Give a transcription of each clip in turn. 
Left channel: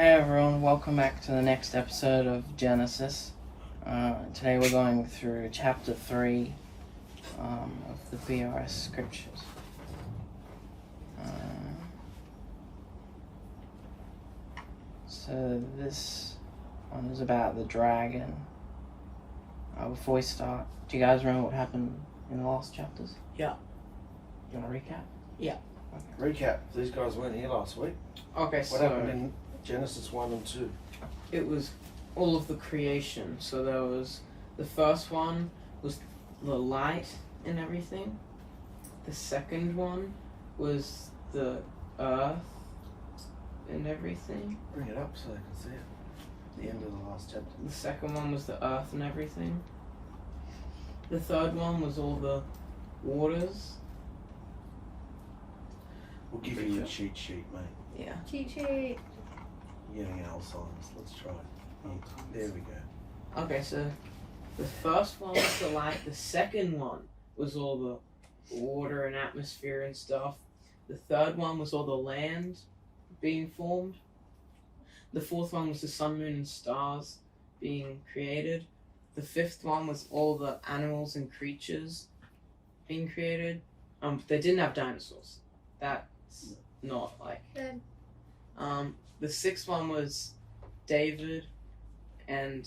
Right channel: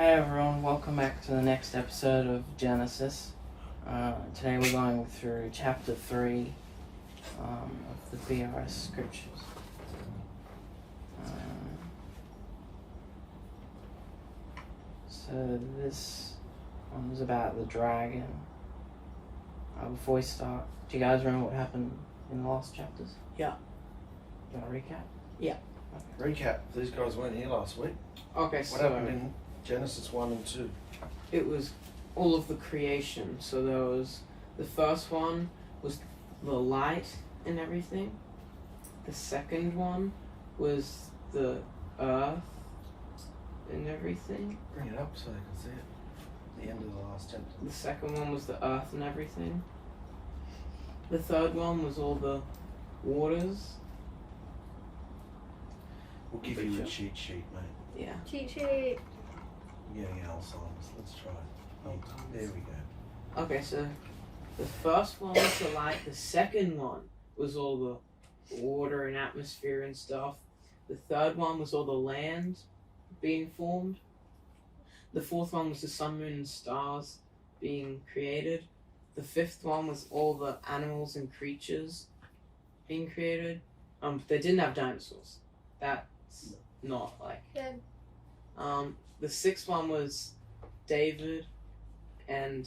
Hey everyone, welcome back to the next episode of Genesis. Today we're going through chapter 3 of the BRS scriptures. So this one is about the dragon. Before we start, do you guys remember what happened in the last chapters? Yeah. You want to recap? Yeah. Okay. Recap. These guys weren't here last week. Okay, What so happened in Genesis 1 and 2? it was all of the creation. So there was the first one was the light and everything. The second one was the earth and everything. Bring it up so I can see it. The end of the last chapter. The second one was the earth and everything. The third one was all the waters. We'll give you a cheat sheet, mate. Yeah. Cheat sheet. You're getting Alzheimer's. Let's try it. Oh, there we go. Okay, so the first one was the light. The second one was all the water and atmosphere and stuff. The third one was all the land being formed. The fourth one was the sun, moon, and stars being created. The fifth one was all the animals and creatures being created. They didn't have dinosaurs. That's not like. Good. The sixth one was David and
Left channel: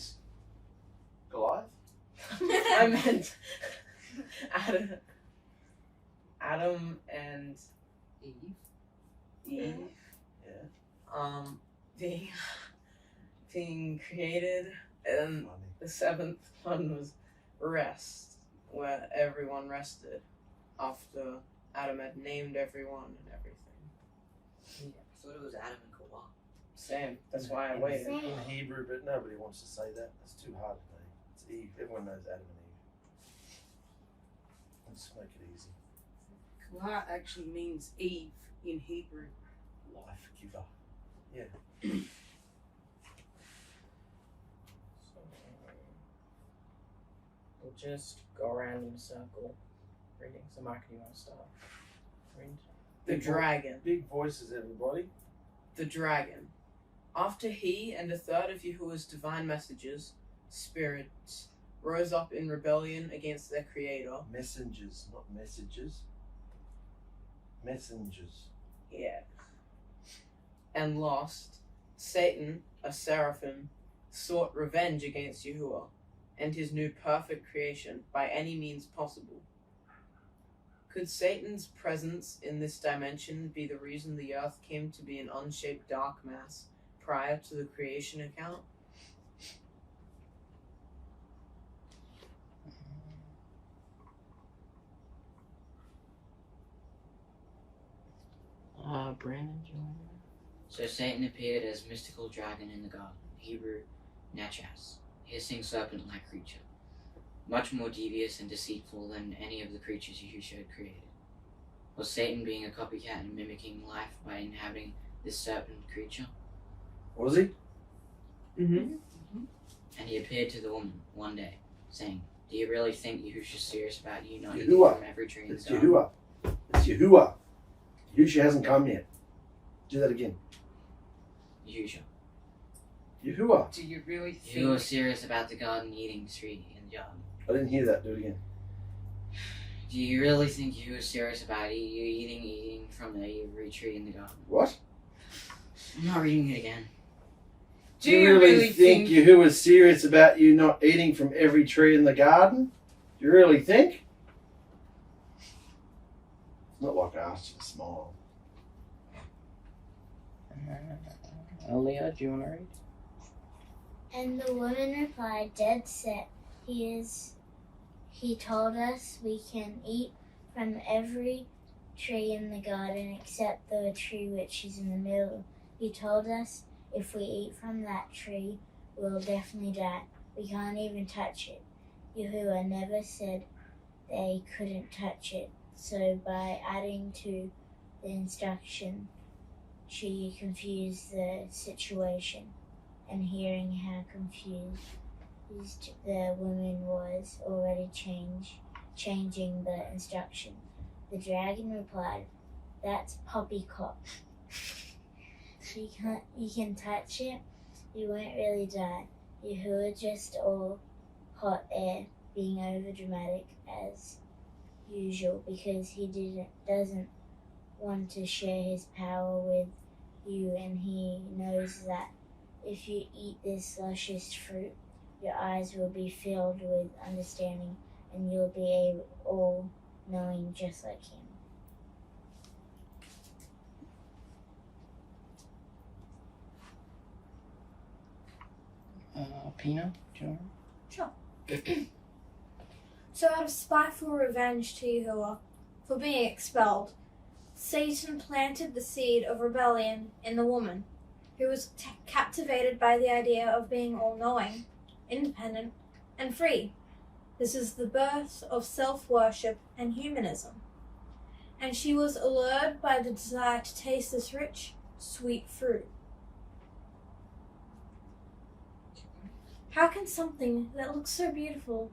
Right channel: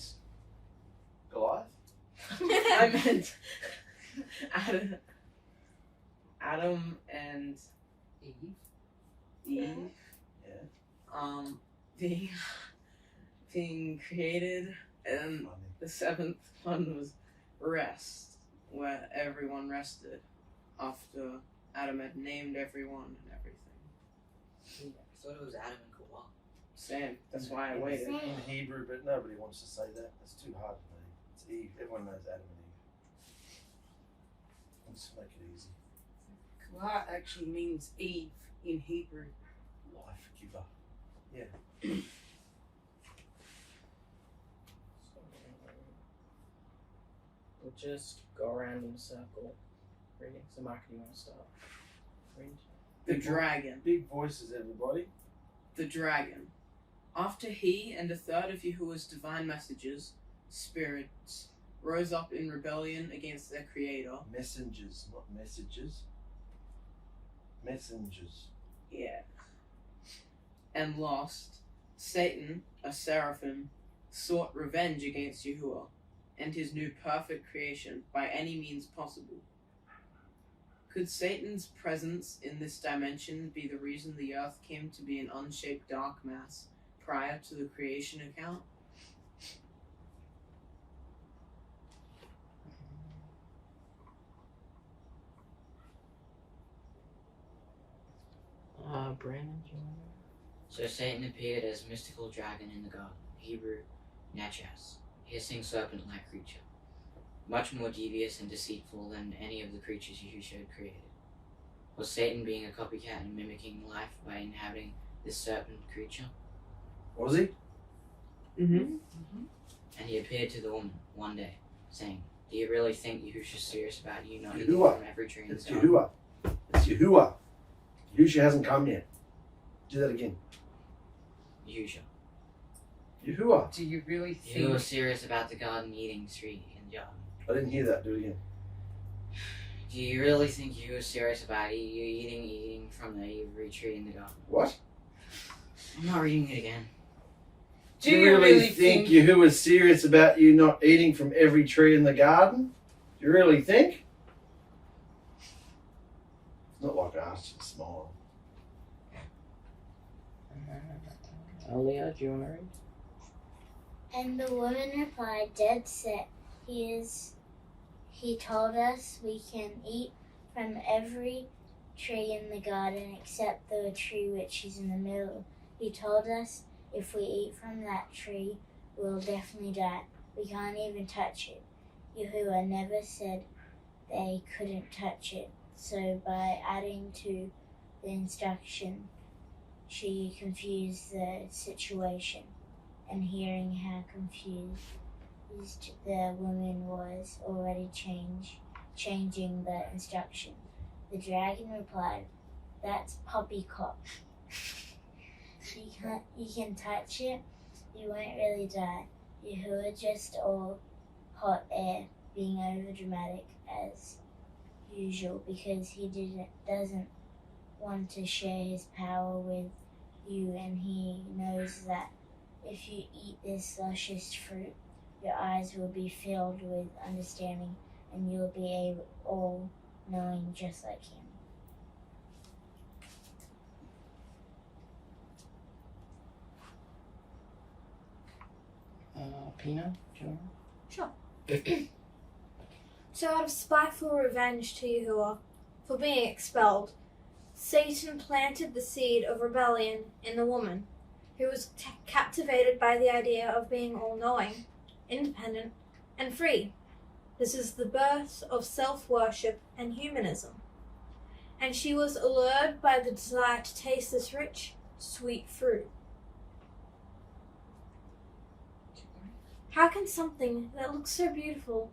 Goliath? I meant Adam and Eve. Yeah. Being created, and Money. the seventh one was rest, where everyone rested after Adam had named everyone and everything. I thought it was Adam and Kawhi. Same. That's why I In- waited. In Hebrew, but nobody wants to say that. It's too hard to me. It's Eve. Everyone knows Adam and Eve. Let's make it easy. Kawhi actually means Eve in Hebrew. Life giver. Yeah. We'll just go around in a circle reading. So Mark, do you want to start reading? The dragon. Big voices, everybody. The dragon. After he and a third of Yahuwah's divine messengers, spirits, rose up in rebellion against their creator. Messengers, not messages. Messengers. Yeah. And lost, Satan, a seraphim, sought revenge against Yahuwah and his new perfect creation by any means possible. Could Satan's presence in this dimension be the reason the earth came to be an unshaped dark mass prior to the creation account? Brandon, do you want So Satan appeared as mystical dragon in the garden, Hebrew Nachas, hissing serpent-like creature, much more devious and deceitful than any of the creatures Yahushua had created. Was Satan being a copycat and mimicking life by inhabiting this serpent creature? Was he? Mm-hmm. And he appeared to the woman one day, saying, "Do you really think Yahushua's serious about you not eating Yahuwah. from every tree in the It's garden?" Yahuwah. It's Yahuwah. Yahushua hasn't come yet. Do that again. Yahushua. Yahuwah. Do you really You were think? serious about the garden eating tree in the garden. I didn't hear that. Do it again. Do you really think you were serious about you eating from every tree in the garden? What? I'm not reading it again. Do you really think? Yahuwah's serious about you not eating from every tree in the garden? Do you really think? It's not like I asked you to smile. Aaliyah, do you want to read? And the woman replied, dead set. He told us we can eat from every tree in the garden except the tree which is in the middle. He told us if we eat from that tree, we'll definitely die. We can't even touch it. Yahuwah never said they couldn't touch it. So by adding to the instruction, she confused the situation. And hearing how confused the woman was already changing the instruction, the dragon replied, "That's poppycock. you can touch it, you won't really die. Yahuwah just all hot air, being over dramatic as usual because he doesn't want to share his power with you, and he knows that if you eat this luscious fruit, your eyes will be filled with understanding and you'll be all knowing just like him. Pina, do you want? Sure. So out of spiteful revenge to Yahuwah for being expelled, Satan planted the seed of rebellion in the woman, who was captivated by the idea of being all-knowing, independent, and free. This is the birth of self-worship and humanism. And she was allured by the desire to taste this rich, sweet fruit. How can something that looks so beautiful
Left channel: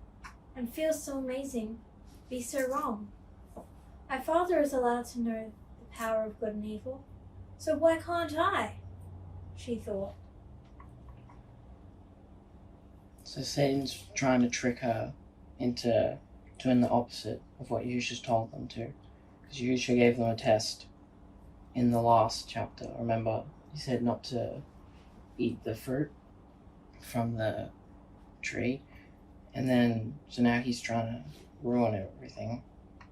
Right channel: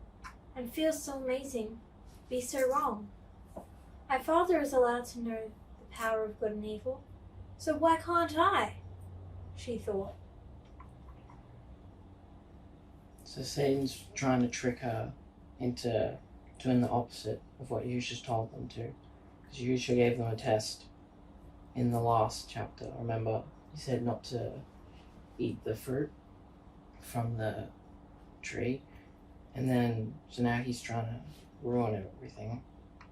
and feels so amazing be so wrong? My father is allowed to know the power of good and evil, so why can't I? She thought. So Satan's trying to trick her into doing the opposite of what Yahushua's told them to. Because Yahushua gave them a test in the last chapter. Remember, he said not to eat the fruit from the tree. And then, so now he's trying to ruin everything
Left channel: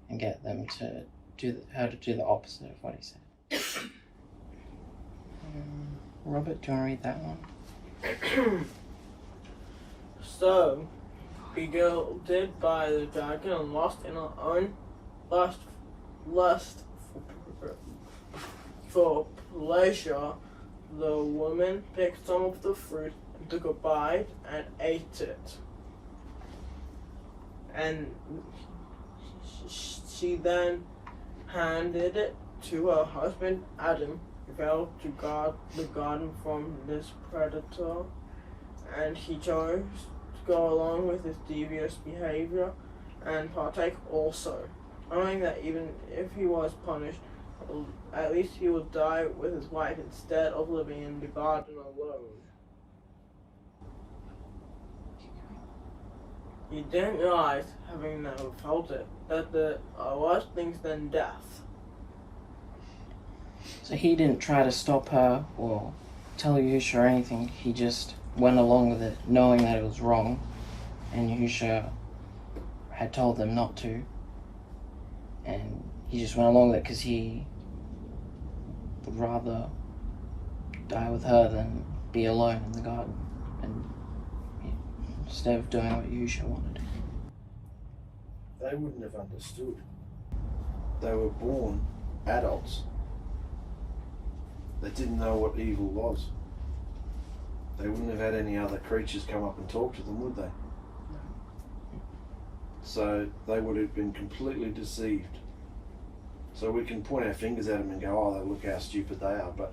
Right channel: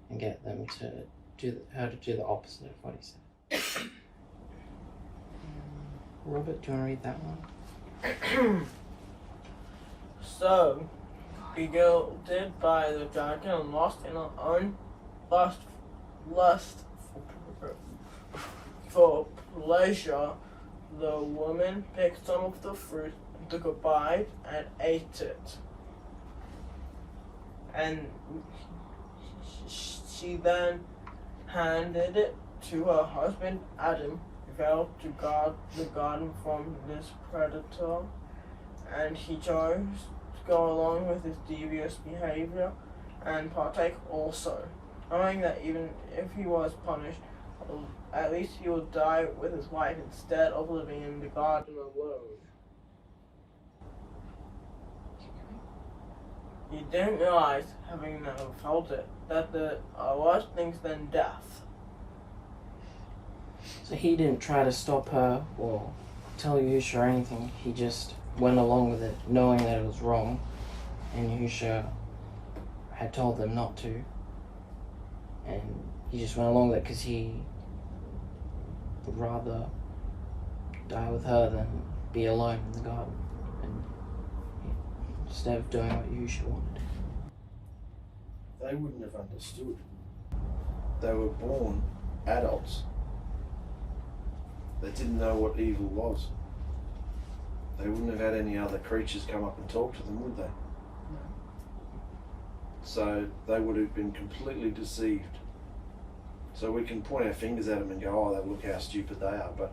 and get them to do the opposite of what he said. Robert, do you want to read that one? So, bewildered by the dragon and lost in her own lust for pleasure, the woman picked some of the fruit and took a bite and ate it. And she then handed it to her husband Adam, who vowed to guard the garden from this predator, and he chose to go along with his devious behavior and partake also, knowing that even if he was punished, at least he would die with his wife instead of living in the garden alone. He didn't realize, having never felt it, that there are worse things than death. So he didn't try to stop her or tell Yahushua or anything. He just went along with it, knowing that it was wrong. And Yahushua had told them not to. And he just went along with it because he would rather die with her than be alone in the garden. Instead of doing what Yahushua wanted. They wouldn't have understood. They were born adults. They didn't know what evil was. They wouldn't have had any other creatures come up and talk to them, would they? No. So they would have been completely deceived. So we can point our fingers at them and go, oh, look how stupid they are, but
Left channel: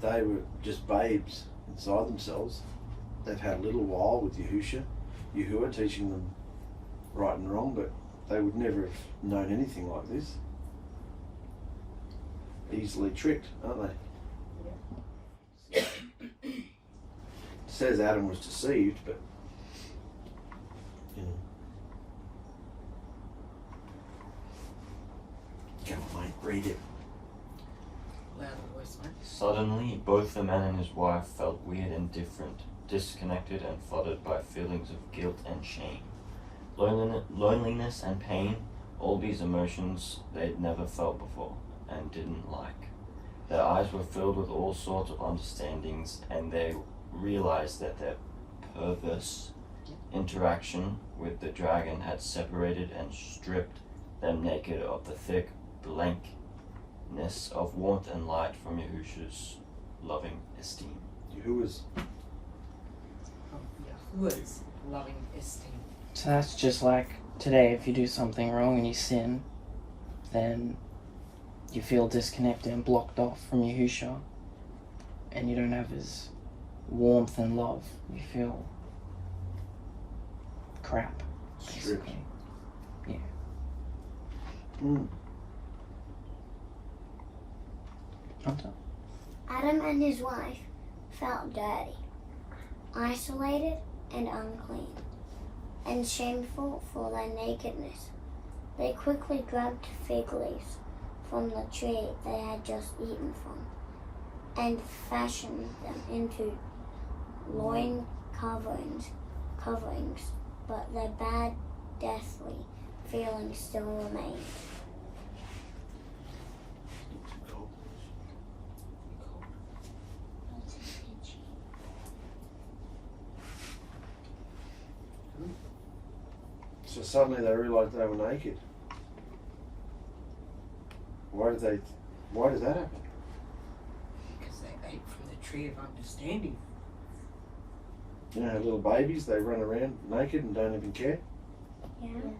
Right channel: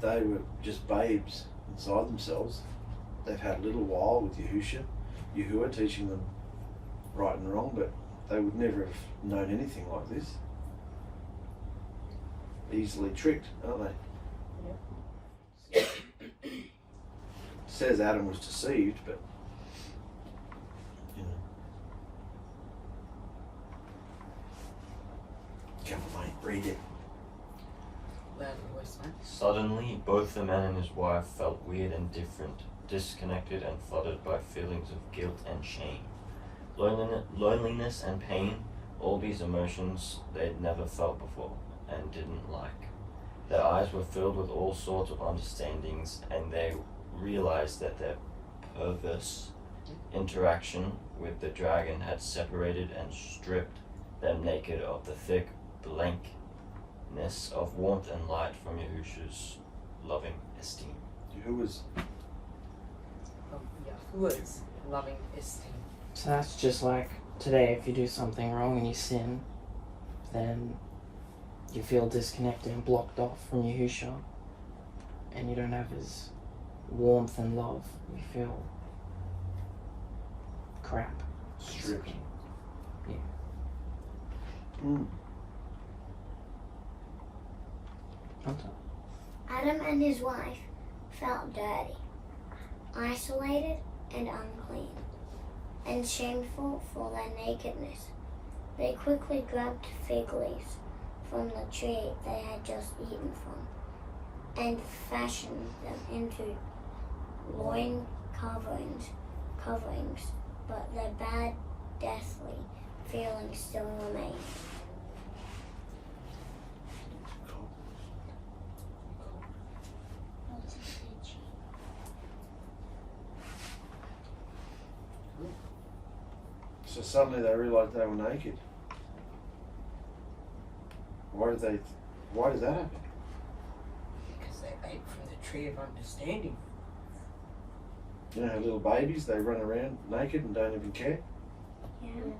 they were just babes inside themselves. They've had a little while with Yahuwah teaching them right and wrong, but they would never have known anything like this. Easily tricked, aren't they? Yep. It says Adam was deceived, but you know. Come on, mate, read it. Louder voice, man. Suddenly, both the man and his wife felt weird and different, disconnected and flooded by feelings of guilt and shame. Loneliness and pain, all these emotions they'd never felt before and didn't like. Their eyes were filled with all sorts of understandings, and they realized that their perverse interaction with the dragon had separated and stripped them naked of the thick blankness of warmth and light from Yahushua's loving esteem. Yahuwah's Yahuwah's loving esteem. So that's just like today, if you do something wrong and you sin, then you feel disconnected and blocked off from Yahushua, and you don't have his warmth and love. You feel crap. stripped. Yeah. Mm. Hunter? I Adam and his wife felt dirty, isolated and unclean, and shameful for their nakedness. They quickly grabbed fig leaves from the tree they had just eaten from and fashioned them into loin coverings, but their bad, deathly feelings still remained. So suddenly they realised they were naked. Why did that happen? Because they ate from the tree of understanding. You know how little babies, they run around naked and don't even care? Yeah.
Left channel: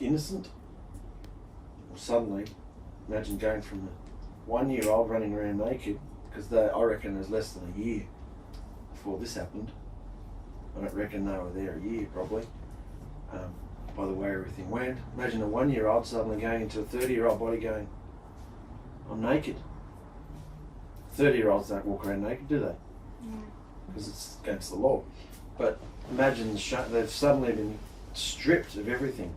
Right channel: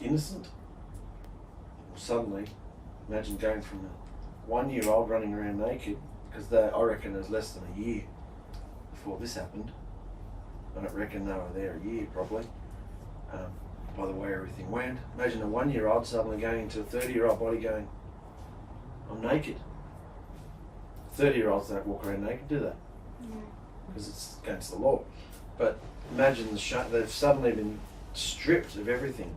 Innocent? Well, suddenly, imagine going from a 1-year-old running around naked, because I reckon there's less than a year before this happened. I don't reckon they were there a year, probably, by the way everything went. Imagine a 1-year-old suddenly going into a 30-year-old body going, I'm naked. 30-year-olds don't walk around naked, do they? No. Because it's against the law. But imagine they've suddenly been stripped of everything.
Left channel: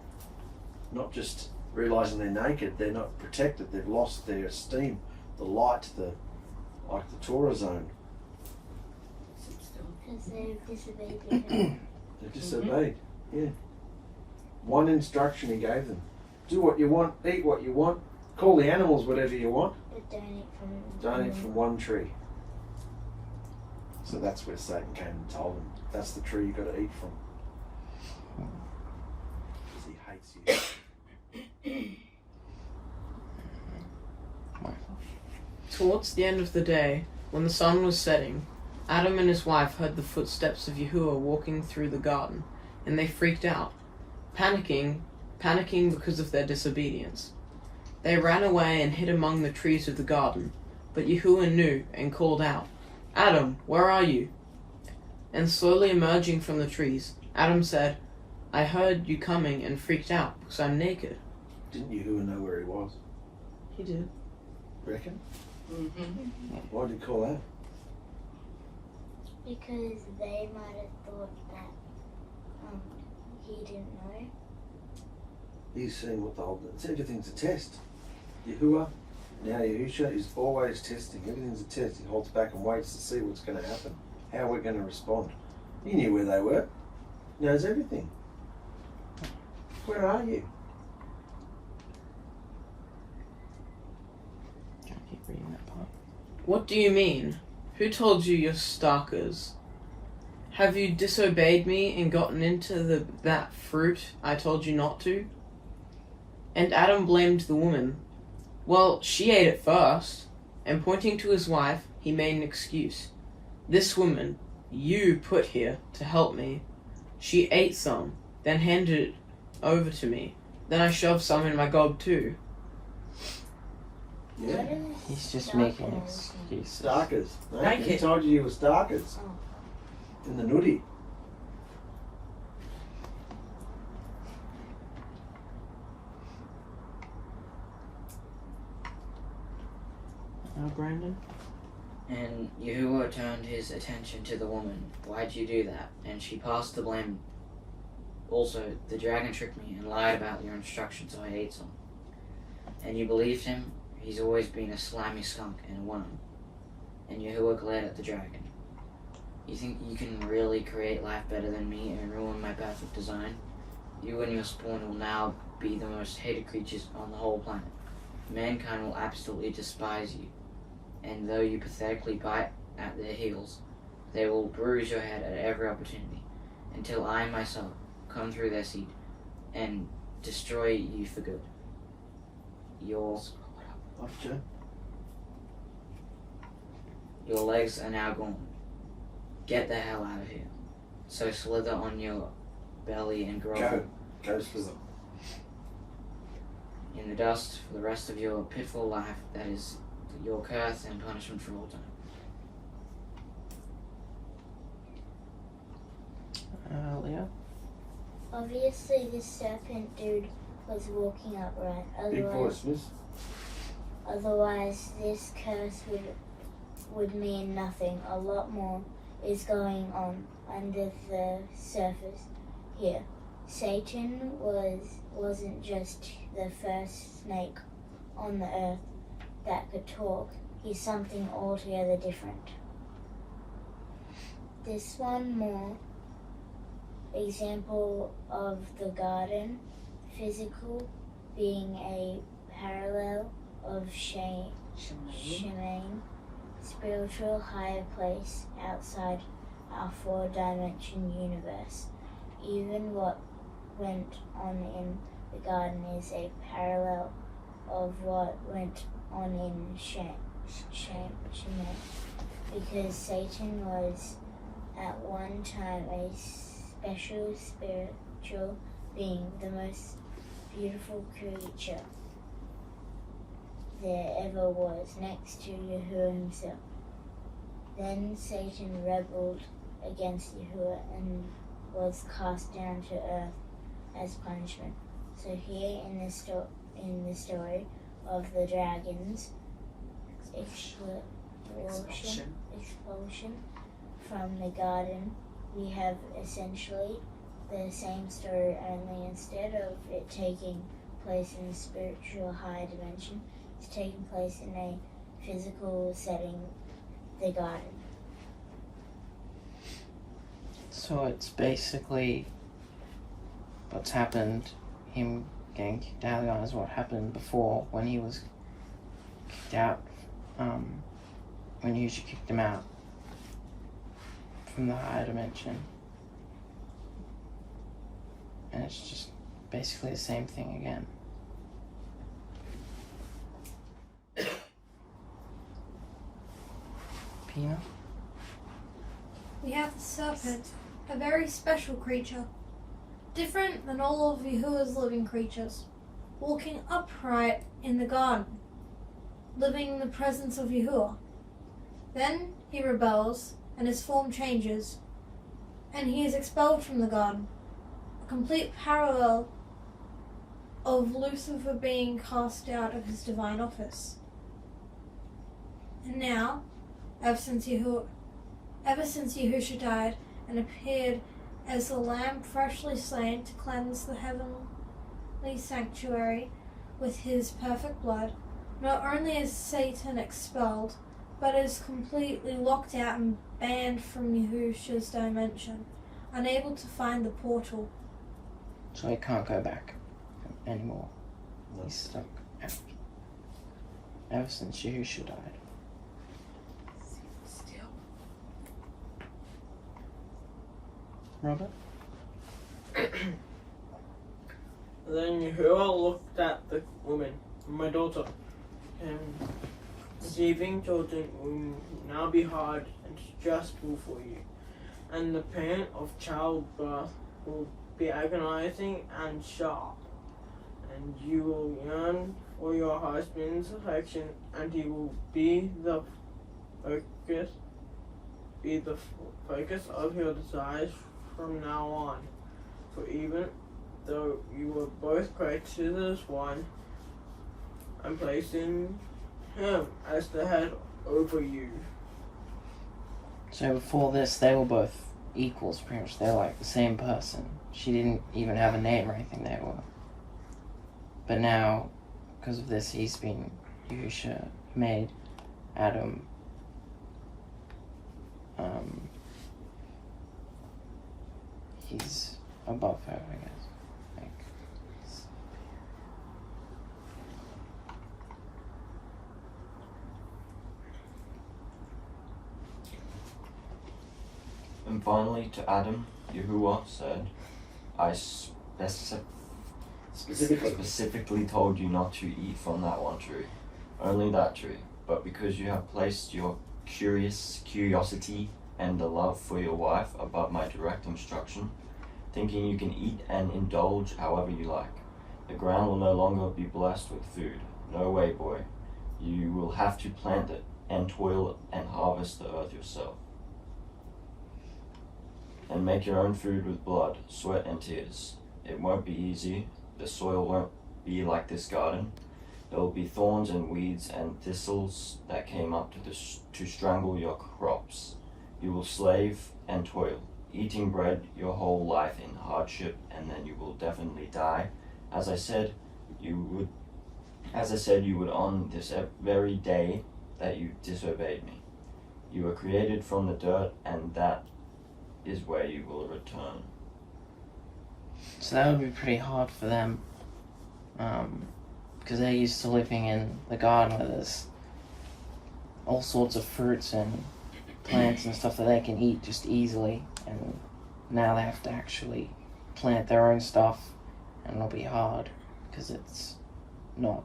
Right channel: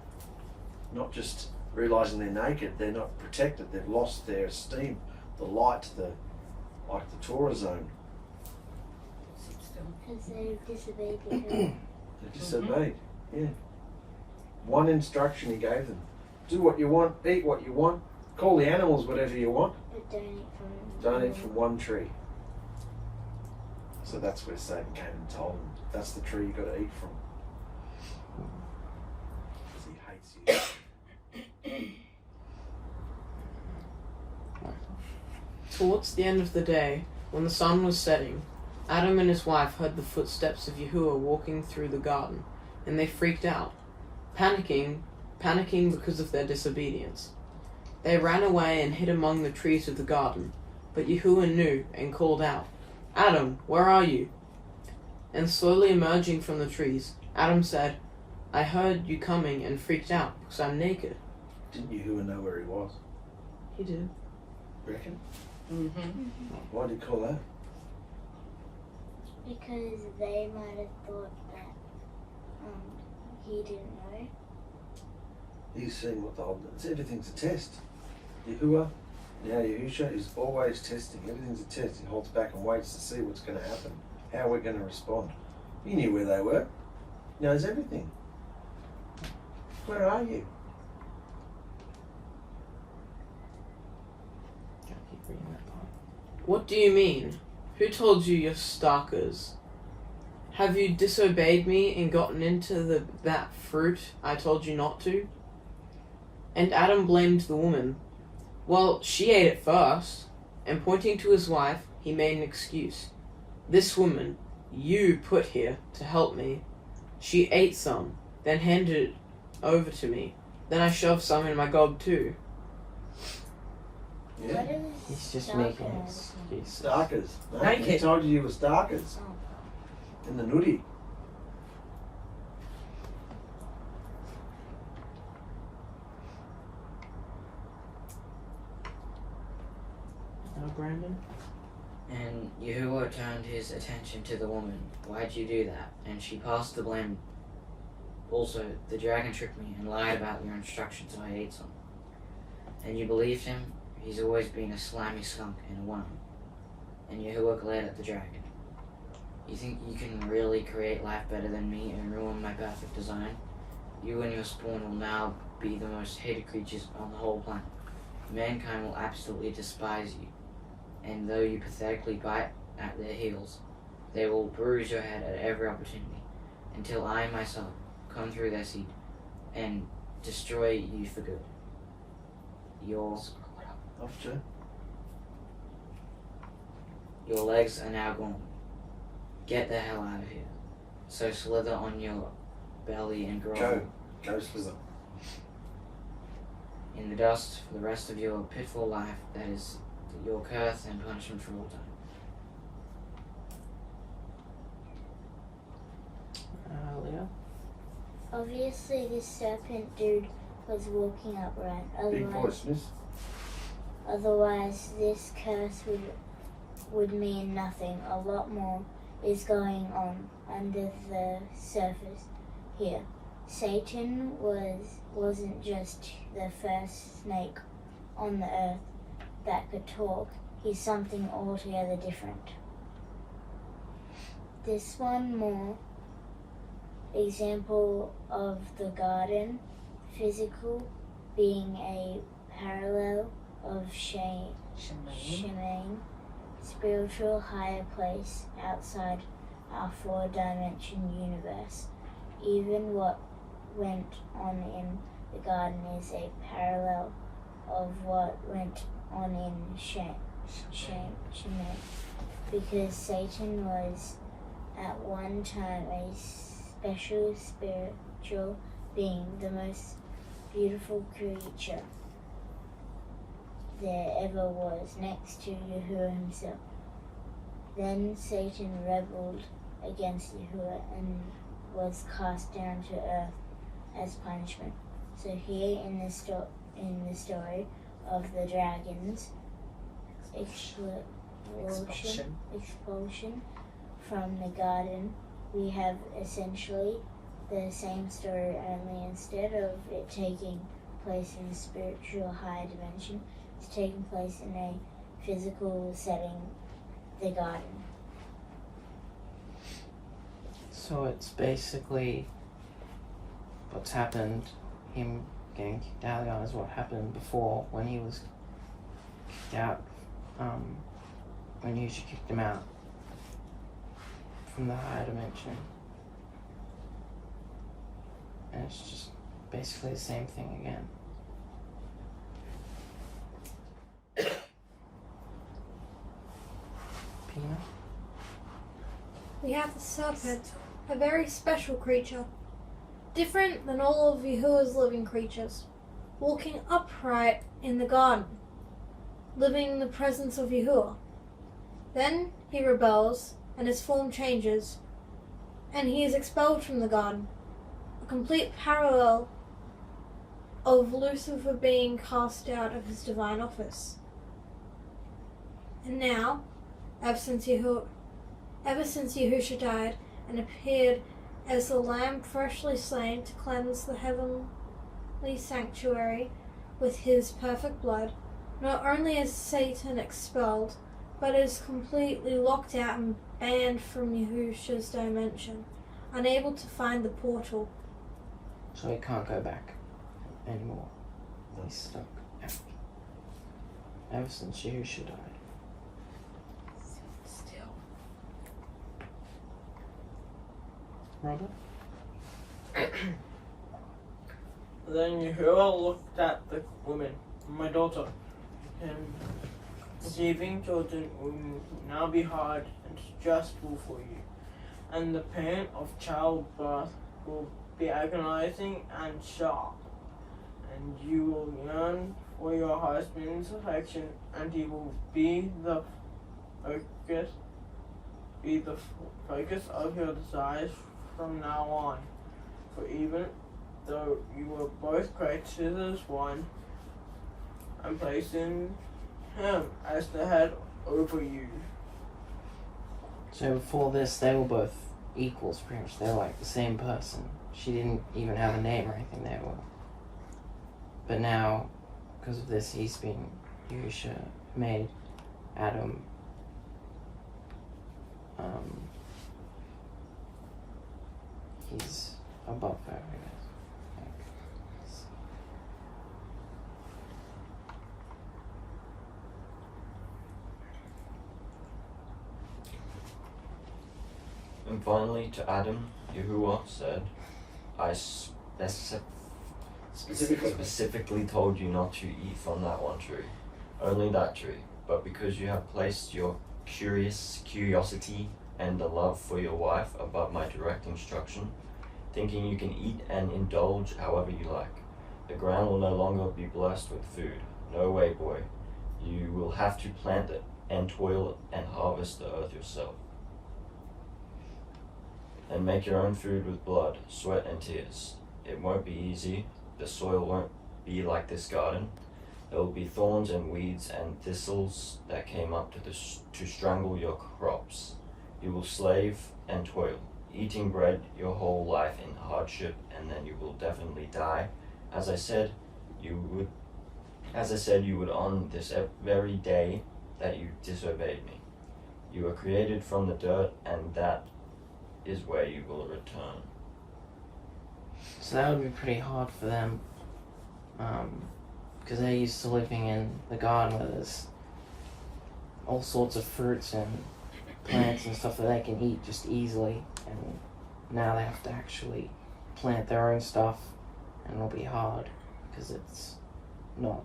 Not just realising they're naked, they're not protected, they've lost their esteem, the light, like the Torah zone. Because they disobeyed the Lord. They disobeyed, yeah. One instruction he gave them. Do what you want, eat what you want, call the animals whatever you want. But Don't eat from one tree. So that's where Satan came and told them, that's the tree you've got to eat from. Because he hates you. Towards the end of the day, when the sun was setting, Adam and his wife heard the footsteps of Yahuwah walking through the garden, and they freaked out, panicking because of their disobedience. They ran away and hid among the trees of the garden, but Yahuwah knew and called out, Adam, where are you? And slowly emerging from the trees, Adam said, I heard you coming and freaked out because I'm naked. Didn't Yahuwah know where he was? He did. Reckon? Mm-hmm. Why did he call that? Because they might have thought that he didn't know. He's seeing what the whole... Everything's a test. Yahuwah, now Yahusha, is always testing. Everything's a test. He holds back and waits to see what's going to happen, how we're going to respond. He knew where they were. He knows everything. Where are you? I keep reading that part. What do you mean? Who told you you're stalkers? Have you disobeyed me and gotten into that fruit I told you not to? And Adam blamed the woman. Well, she ate it first. And pointing to his wife, he made an excuse. This woman, you put here to help me. She ate some, then handed it over to me. Then I shoved some in my gob too. Yeah. He's just making excuses. Stalkers. No, Naked. he told you were stalkers. In the nudie. Brandon? And Yahuwah turned his attention to the woman. Why'd you do that? And she passed the blame. Also, the dragon tricked me and lied about your instructions, so I ate some. And you believed him? He's always been a slimy skunk and a worm. And Yahuwah glared at the dragon. You think you can really create life better than me and ruin my perfect design? You and your spawn will now be the most hated creatures on the whole planet. Mankind will absolutely despise you. And though you pathetically bite at their heels, they will bruise your head at every opportunity, until I myself come through their seed and destroy you for good. Your legs are now gone. Get the hell out of here. So slither on your belly and grovel Go slither. in the dust for the rest of your pitiful life. That is your curse and punishment for all time. Leah? Obviously, this serpent dude was walking upright. Big voice, miss. Otherwise, this curse would would mean nothing. A lot more is going on under the surface here. Satan wasn't just the first snake on the earth that could talk. He's something altogether different. This one more example of the garden, physical being a parallel of Shemaine, spiritual higher place outside our four-dimension universe. Even what went on in the garden is a parallel of what went on in Shemaine, because Satan was at one time a special spiritual being, the most beautiful creature there ever was, next to Yahuwah himself. Then Satan rebelled against Yahuwah and was cast down to earth as punishment. So here in the story of the dragon's expulsion from the garden, we have essentially the same story, only instead of it taking place in a spiritual higher dimension, it's taking place in a physical setting, the garden. So it's basically what's happened, him getting kicked out of the garden is what happened before when he was kicked out, when Yusha kicked him out from the higher dimension. And it's just basically the same thing again. Pina? We have the serpent, a very special creature, different than all of Yahuwah's living creatures, walking upright in the garden, living in the presence of Yahuwah. Then he rebels, and his form changes, and he is expelled from the garden, a complete parallel of Lucifer being cast out of his divine office. And now, ever since Yahusha died and appeared as the Lamb freshly slain to cleanse the heavenly sanctuary with his perfect blood, not only is Satan expelled, but is completely locked out and banned from Yahusha's dimension, unable to find the portal. So he can't go back anymore. No. He's stuck out. Ever since Yahusha died. Robert? Then Yahuwah looked at the woman, my daughter, and conceiving children will now be hard and stressful for you, and the pain of childbirth will be agonizing and sharp, and you will yearn for your husband's affection, and he will be the focus of your desires from now on. For even though you were both created as one, I'm placing him as the head over you. So before this, they were both equals, pretty much. They were like the same person. She didn't even have a name or anything, they were. But now, because of this, Yahusha made Adam he's above her, I guess. And finally to Adam, Yahuwah said, I specifically told you not to eat from that one tree, only that tree, but because you have placed your curiosity and the love for your wife above my direct instruction, thinking you can eat and indulge however you like. The ground will no longer be blessed with food. No way, boy. You will have to plant it and toil and harvest the earth yourself. And make your own food with blood, sweat, and tears. It won't be easy. The soil won't be like this garden. There will be thorns and weeds and thistles that came up to strangle your crops. You will slave and toil, eating bread your whole life in hardship, and then you will definitely die. As I said, you would on this very day that you disobeyed me. You were created from the dirt, and that is where you will return. So that would be pretty hard for them, because they're used to living in the garden where there's all sorts of fruits and plants and stuff that they can eat just easily, and now they have to actually plant their own stuff, and it'll be hard because it's not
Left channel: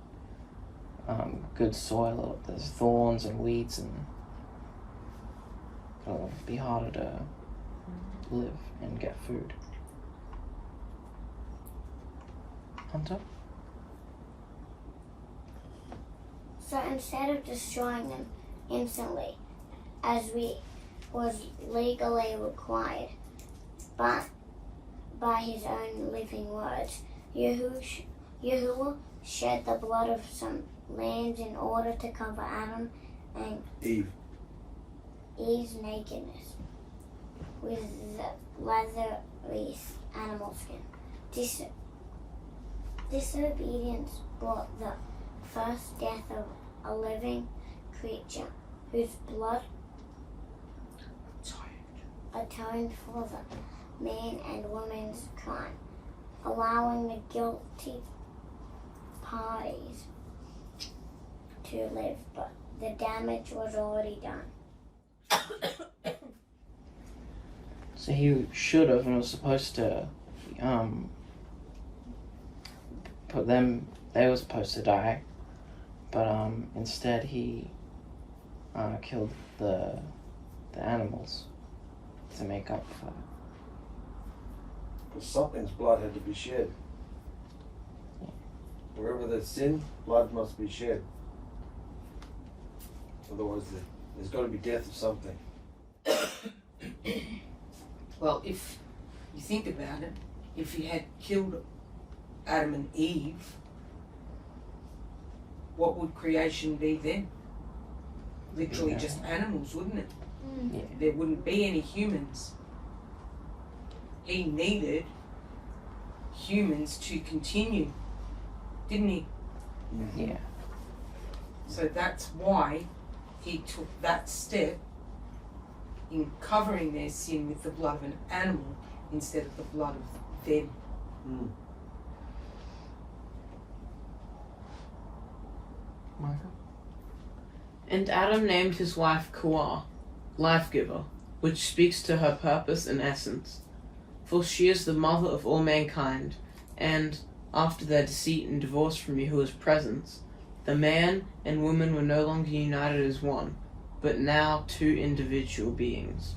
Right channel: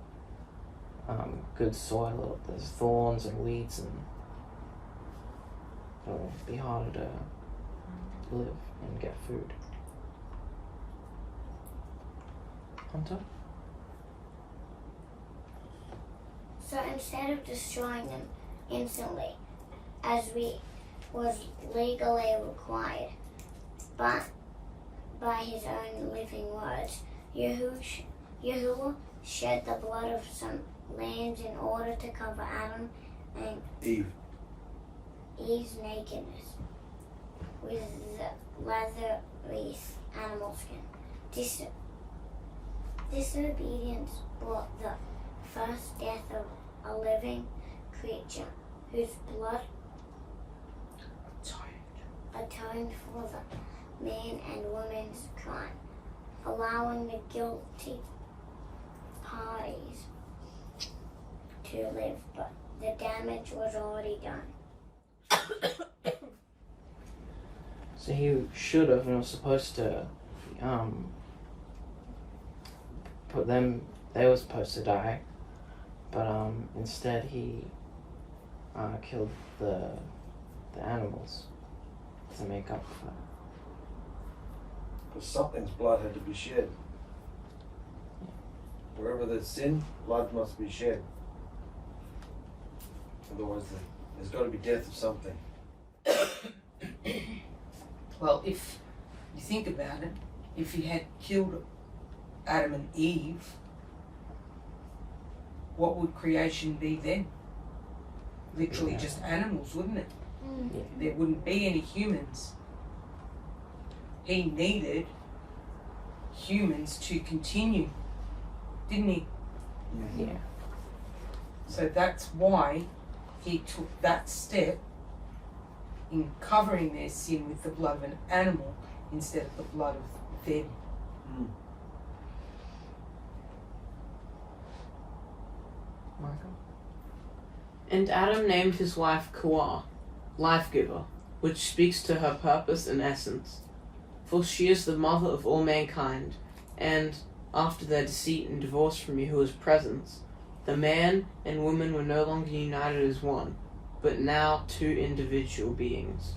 good soil. There's thorns and weeds, and it'll be harder to live and get food. Hunter? So instead of destroying them instantly, as was legally required, but by his own living words, Yahuwah shed the blood of some lambs in order to cover Adam and Eve's nakedness with the leathery animal skin. Disobedience brought the first death of a living creature whose blood atoned for the man and woman's crime, allowing the guilty parties to live, but the damage was already done. So he should have and was supposed to put them, they were supposed to die, but instead he killed the animals to make up for it. Because something's blood had to be shed. Wherever there's sin, blood must be shed. Otherwise there's got to be death of something. Well, if you think about it, if he had killed Adam and Eve, what would creation be then? Literally just animals, wouldn't it? Yeah. There wouldn't be any humans. He needed humans to continue, didn't he? Yeah. So that's why he took that step in covering their sin with the blood of an animal instead of the blood of them. Mm. And Adam named his wife Kuah, life-giver, which speaks to her purpose and essence. For she is the mother of all mankind, and, after their deceit and divorce from Yahuwah's presence, the man and woman were no longer united as one, but now two individual beings.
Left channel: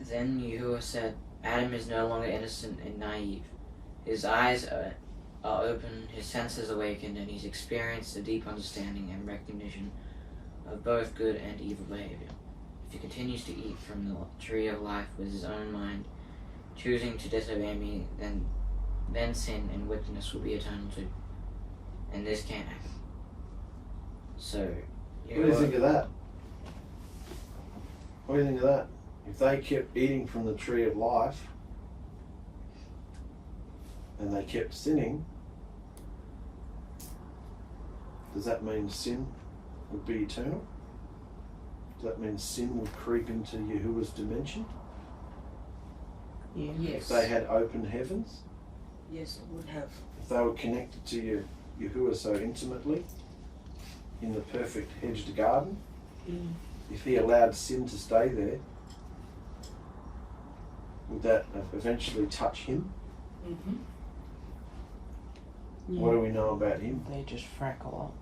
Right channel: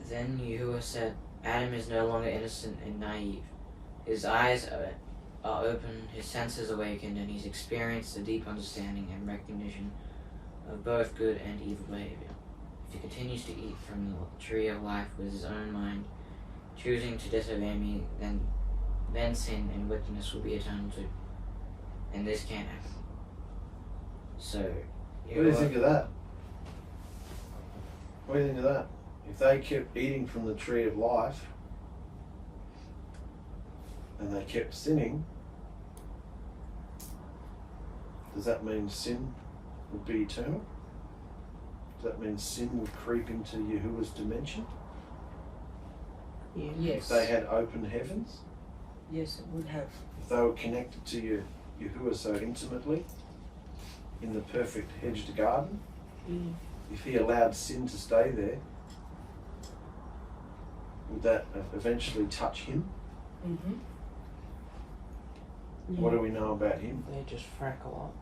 Then Yahuwah said, Adam is no longer innocent and naive. His eyes are open, his senses awakened, and he's experienced a deep understanding and recognition of both good and evil behavior. If he continues to eat from the tree of life with his own mind, choosing to disobey me, then sin and wickedness will be eternal too. And this can't happen. So, What do you think of that? What do you think of that? If they kept eating from the tree of life and they kept sinning, does that mean sin would be eternal? Does that mean sin would creep into Yahuwah's dimension? Yeah. Yes. If they had open heavens? Yes, it would have. If they were connected to Yahuwah so intimately in the perfect hedged garden? Mm. If he allowed sin to stay there, would that eventually touch him? Mm-hmm. Yeah. What do we know about him? They just freckle up.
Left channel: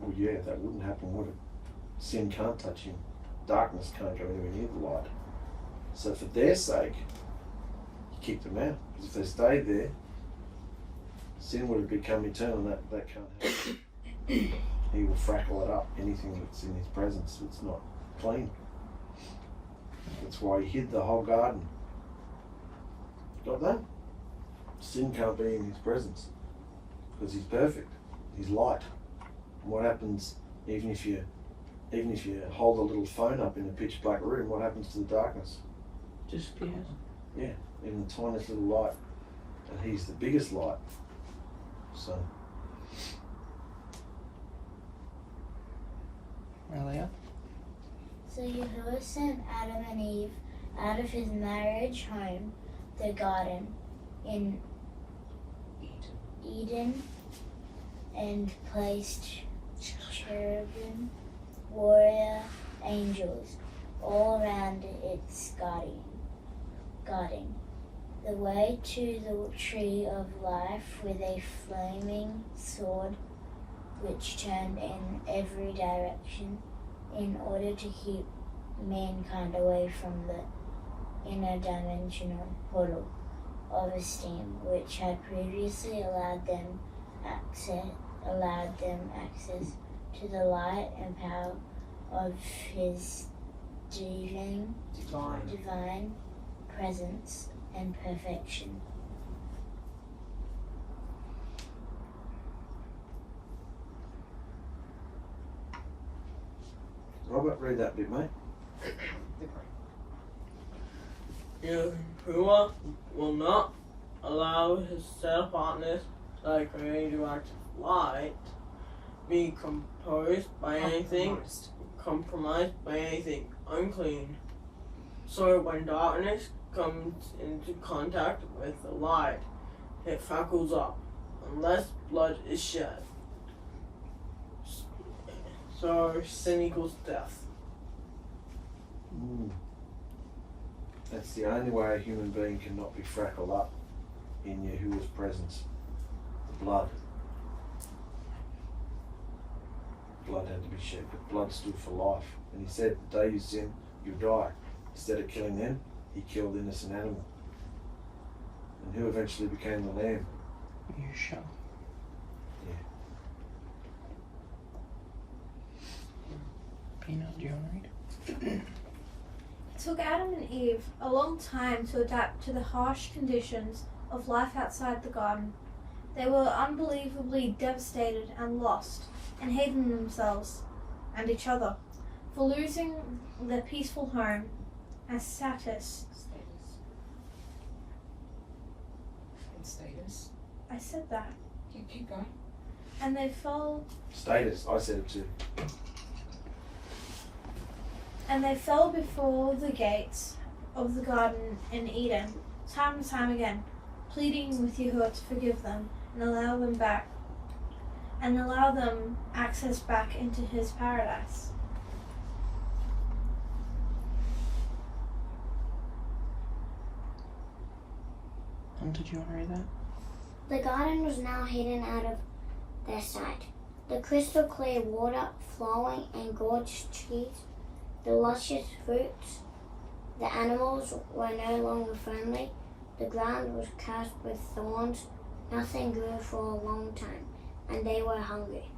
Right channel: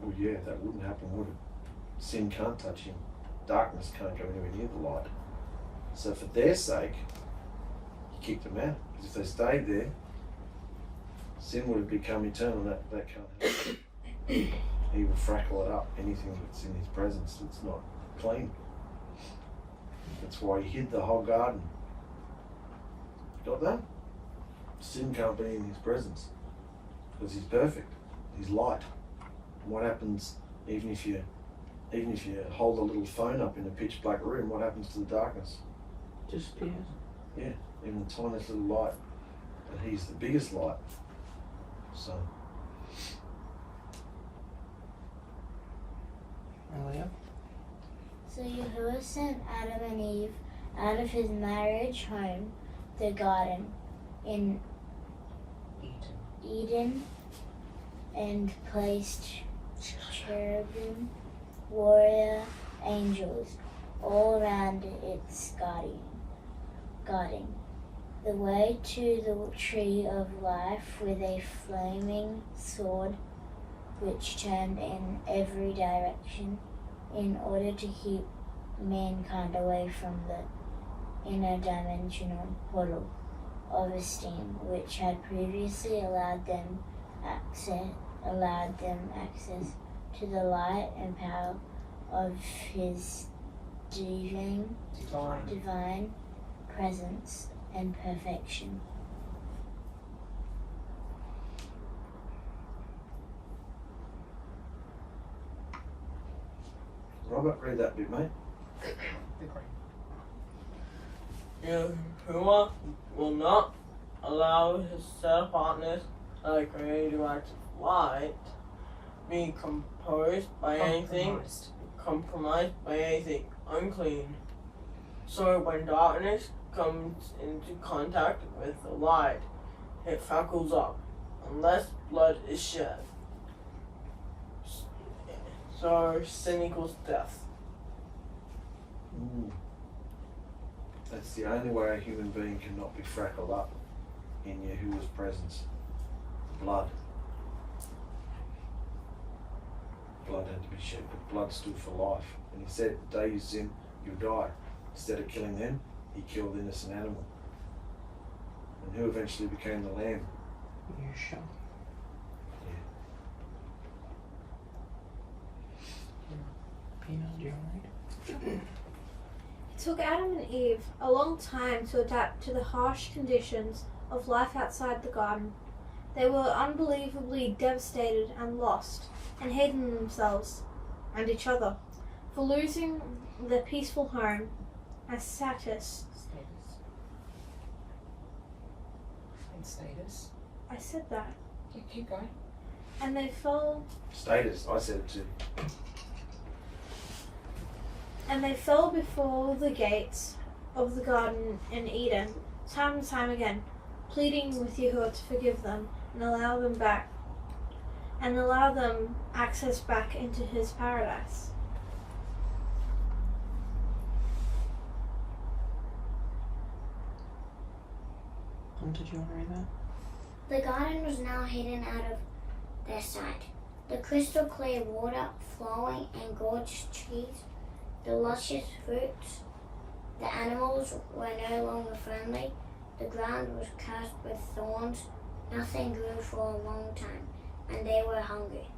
Well, yeah, that wouldn't happen, would it? Sin can't touch him. Darkness can't go anywhere near the light. So for their sake, he kicked them out. Because if they stayed there, sin would have become eternal. That can't happen. He will freckle it up, anything that's in his presence that's not clean. That's why he hid the whole garden. Got that? Sin can't be in his presence because he's perfect. He's light. And what happens even if you hold a little phone up in a pitch black room? What happens to the darkness? Disappears. Yeah, even the tiniest little light, and he's the biggest light. So. Earlier. So Yahuwah sent Adam and Eve out of his marriage home, the garden, in Eden, and placed cherubim, warrior angels, all around its guarding. The way to the tree of life with a flaming sword which turned in every direction in order to keep mankind away from the interdimensional portal of esteem which had previously allowed them access to the light and power of his divine presence and perfection. Robert, read that bit, mate. Yahuwah will not allow his set partners, like radioactive light, be compromised by anything unclean. So when darkness comes into contact with the light, it fackles up, unless blood is shed. So sin equals death. That's the only way a human being cannot be frackled up in Yahuwah's presence. The blood. Blood had to be shed, but blood stood for life. And he said, the day you sin, you die. Instead of killing them, he killed innocent animal. And who eventually became the lamb? Yeshua. Yeah. Pina, do you want to read? It took Adam and Eve a long time to adapt to the harsh conditions of life outside the garden. They were unbelievably devastated and lost, and hated themselves and each other for losing their peaceful home and status. Status. I said that. You keep going. And they fell. Status, I said it too. And they fell before the gates of the garden in Eden, time and time again, pleading with Yahuwah to forgive them and allow them access back into his paradise. Did you want to read that? The garden was now hidden out of their sight. The crystal clear water flowing and gorgeous trees, the luscious fruits. The animals were no longer friendly. The ground was cursed with thorns. Nothing grew for a long time, and they were hungry.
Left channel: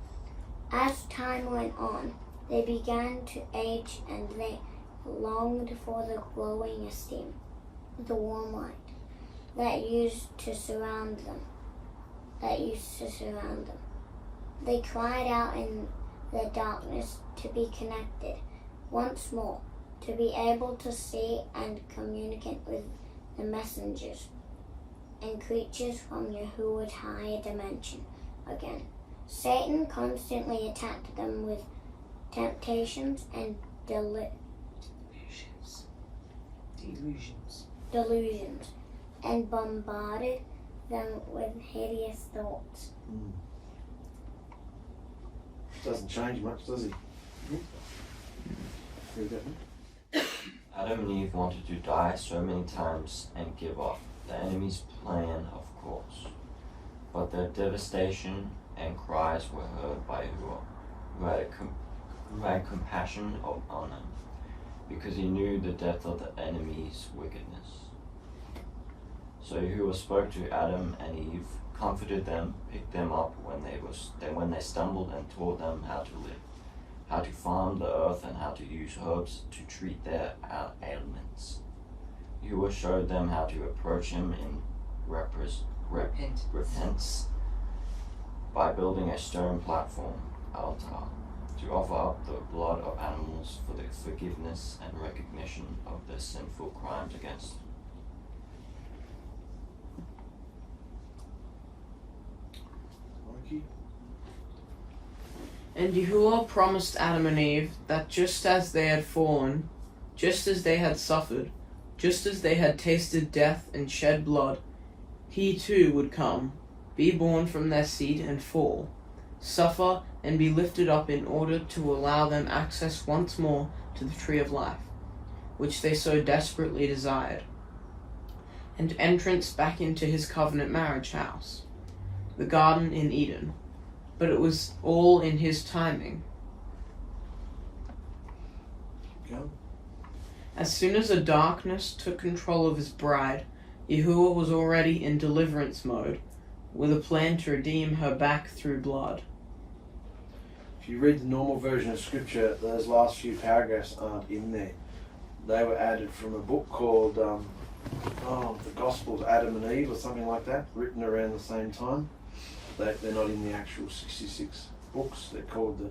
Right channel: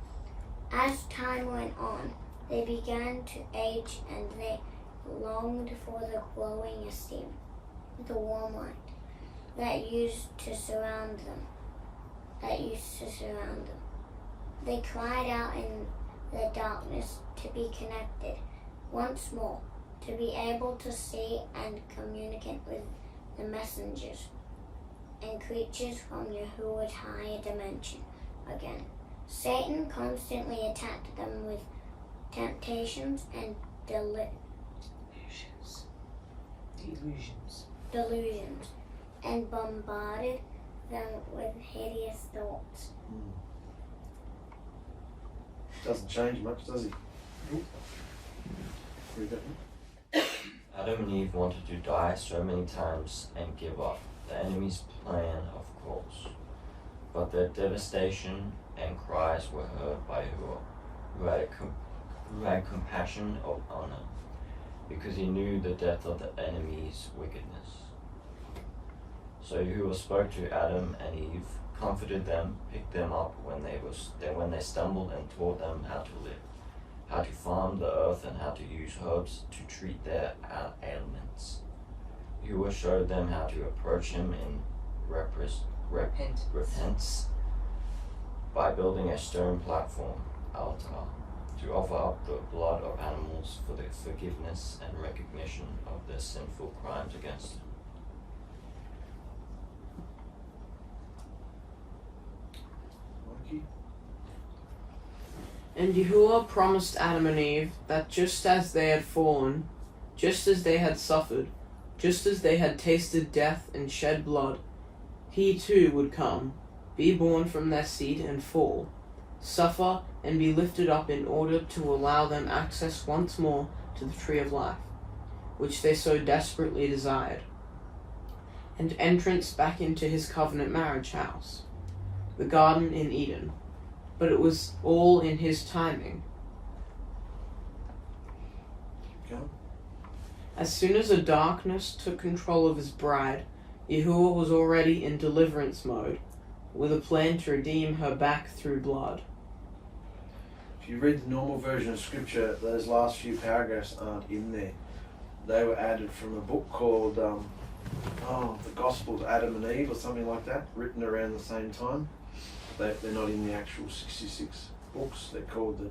As time went on, they began to age, and they longed for the glowing esteem, the warm light that used to surround them. They cried out in the darkness to be connected once more, to be able to see and communicate with the messengers and creatures from Yahuwah's higher dimension again. Satan constantly attacked them with temptations and delusions, and bombarded them with hideous thoughts. Doesn't change much, does he? Read that one. Adam and Eve wanted to die so many times and give up, the enemy's plan, of course. But their devastation and cries were heard by Yahuwah, who had compassion on them, because he knew the depth of the enemy's wickedness. So Yahuwah spoke to Adam and Eve, comforted them, picked them up when they stumbled, and taught them how to live. how to farm the earth, and how to use herbs to treat their ailments. Yahuwah showed them how to approach him in repentance by building a stone platform, altar, to offer up the blood of animals for the forgiveness and recognition of their sinful crimes against him. Mikey? And Yahuwah promised Adam and Eve that just as they had fallen, just as they had suffered, just as they had tasted death and shed blood, he too would come, be born from their seed and fall, suffer and be lifted up in order to allow them access once more to the tree of life, which they so desperately desired, and entrance back into his covenant marriage house, the garden in Eden. But it was all in his timing. Go. As soon as the darkness took control of his bride, Yahuwah was already in deliverance mode, with a plan to redeem her back through blood. If you read the normal version of scripture, those last few paragraphs aren't in there. They were added from a book called The Gospel of Adam and Eve or something like that, written around the same time. They're not in the actual 66 books. They're called the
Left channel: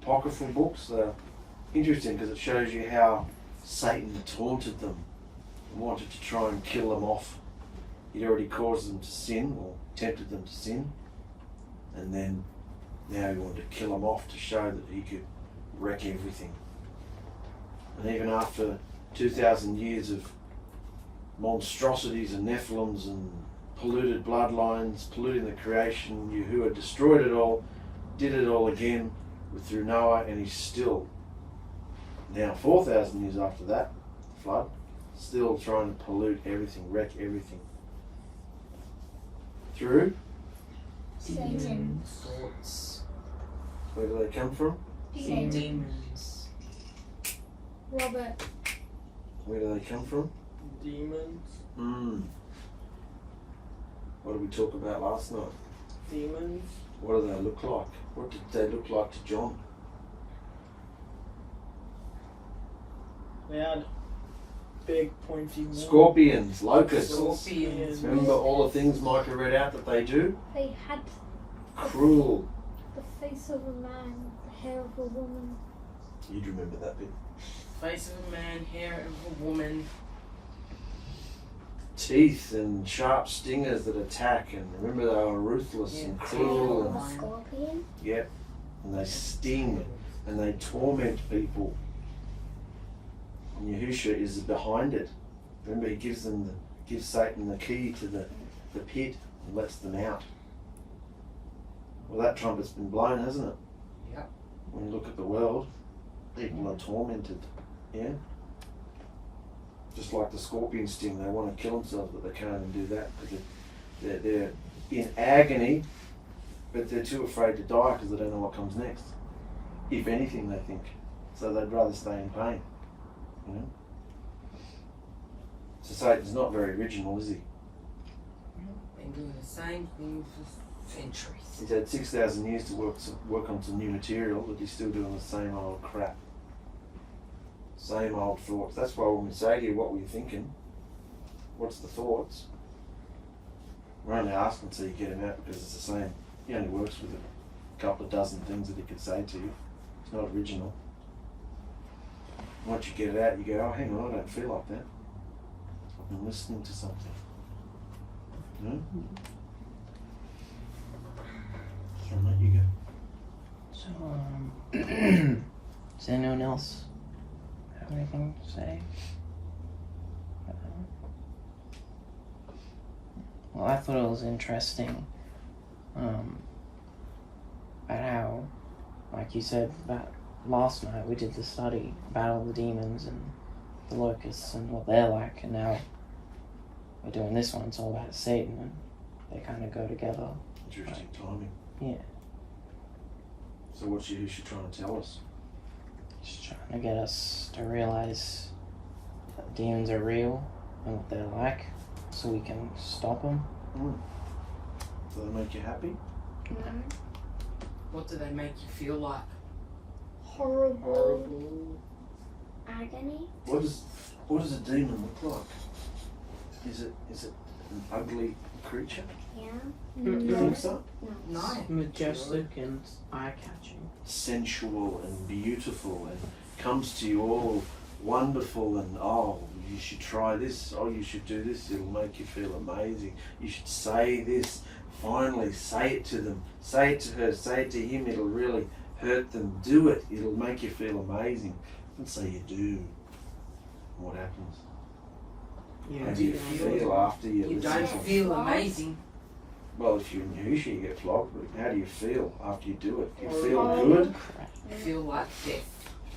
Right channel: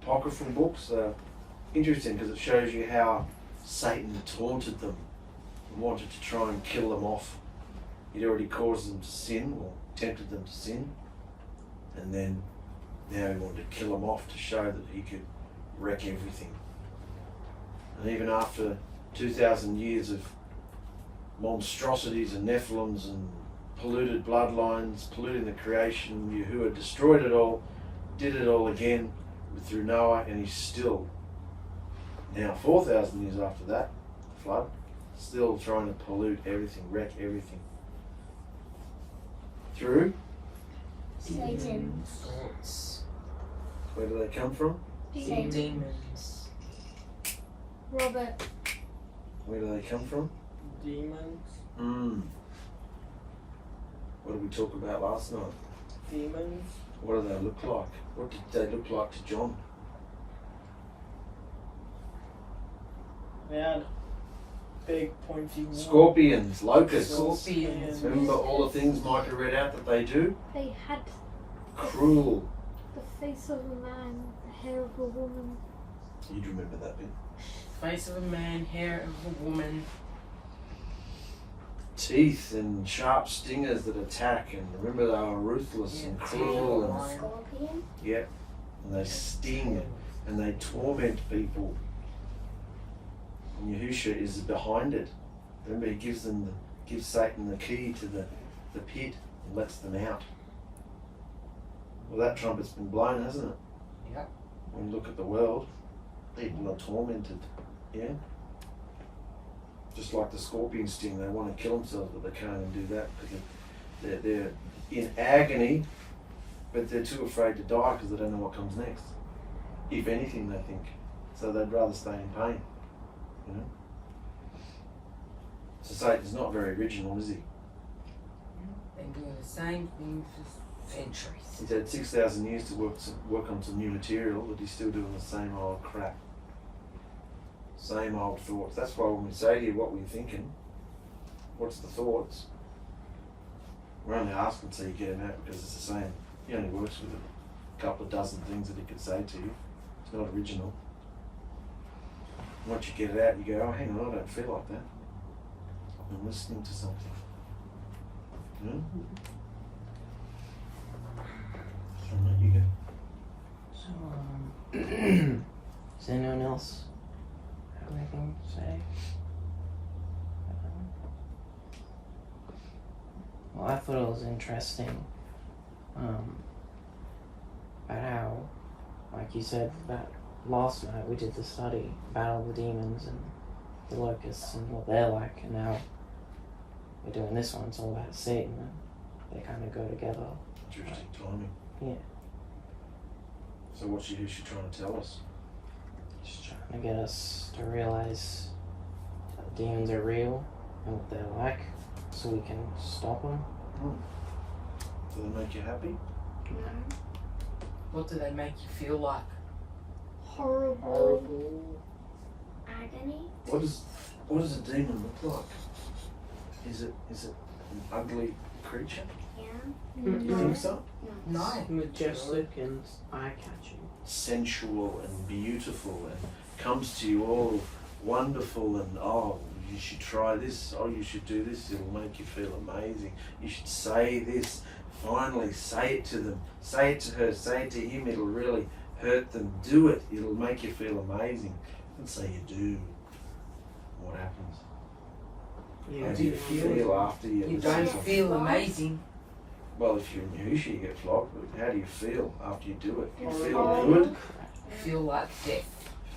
apocryphal books. Interesting because it shows you how Satan taunted them and wanted to try and kill them off. He'd already caused them to sin or tempted them to sin, and then now he wanted to kill them off to show that he could wreck everything. And even after 2,000 years of monstrosities and Nephilims and polluted bloodlines, polluting the creation, Yahuwah destroyed it all, did it all again through Noah, and he's still, now 4,000 years after that, flood, still trying to pollute everything, wreck everything. Through? Satan. Thoughts. Where do they come from? Demons. Robert. Where do they come from? Demons. What did we talk about last night? Demons. What do they look like? What did they look like to John? They had big pointy horns. Scorpions, locusts. Scorpions. Remember all the things Micah read out that they do? They had Cruel. the face of a man, the hair of a woman. You'd remember that bit. Face of a man, hair of a woman. Teeth and sharp stingers that attack, and remember they were ruthless and cruel, and Scorpion. yep, and they sting and they torment people. And Yahushua is behind it. Remember, he gives Satan the key to the pit and lets them out. Well, that trumpet's been blown, hasn't it? Yep. When you look at the world, people are tormented. Yeah. Just like the scorpion sting, they want to kill themselves, but they can't even do that because they're in agony, but they're too afraid to die because they don't know what comes next. If anything, they think. So they'd rather stay in pain, you know? So Satan's not very original, is he? Been doing the same thing for centuries. He's had 6,000 years to work on some new material, but he's still doing the same old crap. Same old thoughts. That's why when we say to you, what were you thinking? What's the thoughts? We're only asking so you get him out because it's the same. He only works with a couple of dozen things that he could say to you. It's not original. Once you get it out, you go, oh, hang on, I don't feel like that. I've been listening to something. No? So I'll let you go. So, does anyone else have anything to say? Well, I thought it was interesting about how, like you said, that last night we did the study, Battle of the Demons and the Locusts and what they're like, and now we're doing this one, it's all about Satan, and they kind of go together. Interesting timing. Yeah. So what's Yahushua trying to tell us? Just trying to get us to realize that the demons are real and what they're like, so we can stop them. Do they make you happy? What do they make you feel like? Horrible. Agony? What does a demon look like? Is it an ugly creature? Yeah. You think so? No. Majestic and eye-catching. Sensual and beautiful and comes to you all wonderful and oh, you should try this, oh, you should do this, it'll make you feel amazing. You should say this, finally say it to them, say it to her, say it to him, it'll really hurt them. Do it, it'll make you feel amazing. And so you do. What happens? Yeah, How do you feel after You don't feel amazing. Well, if you're in Yahusha, you get flogged, but how do you feel after you do it? You feel good? You feel like death.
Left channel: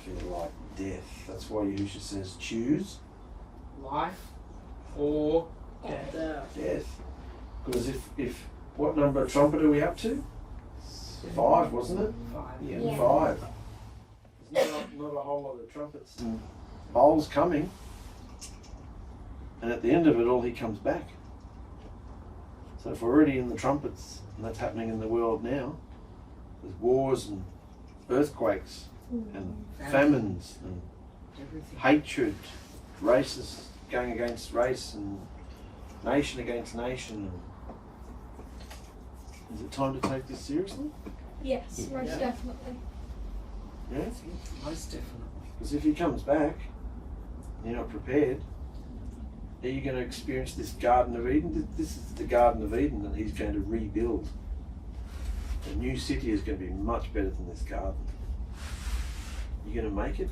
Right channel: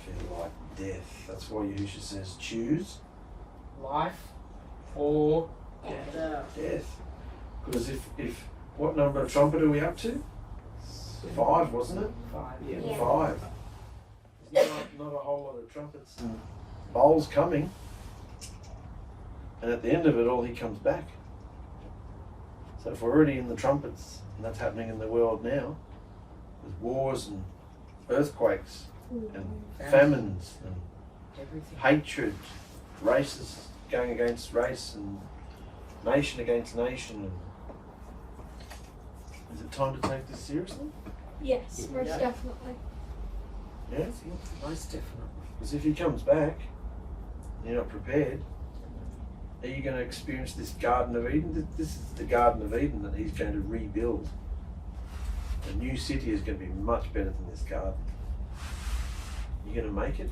Feel like death. That's why Yahusha says choose Life or death. Because if what number of trumpet are we up to? 5, wasn't it? 5. Yeah. 5. There's not a whole lot of trumpets and bowls coming. And at the end of it all, he comes back. So if we're already in the trumpets, and that's happening in the world now, there's wars and earthquakes and famines and Everything. hatred, races going against race and nation against nation. And is it time to take this seriously? Yes, most Yeah. definitely. Yeah? Most definitely. Because if he comes back, and you're not prepared, are you going to experience this Garden of Eden? This is the Garden of Eden that he's going to rebuild. A new city is going to be much better than this garden. You going to make it?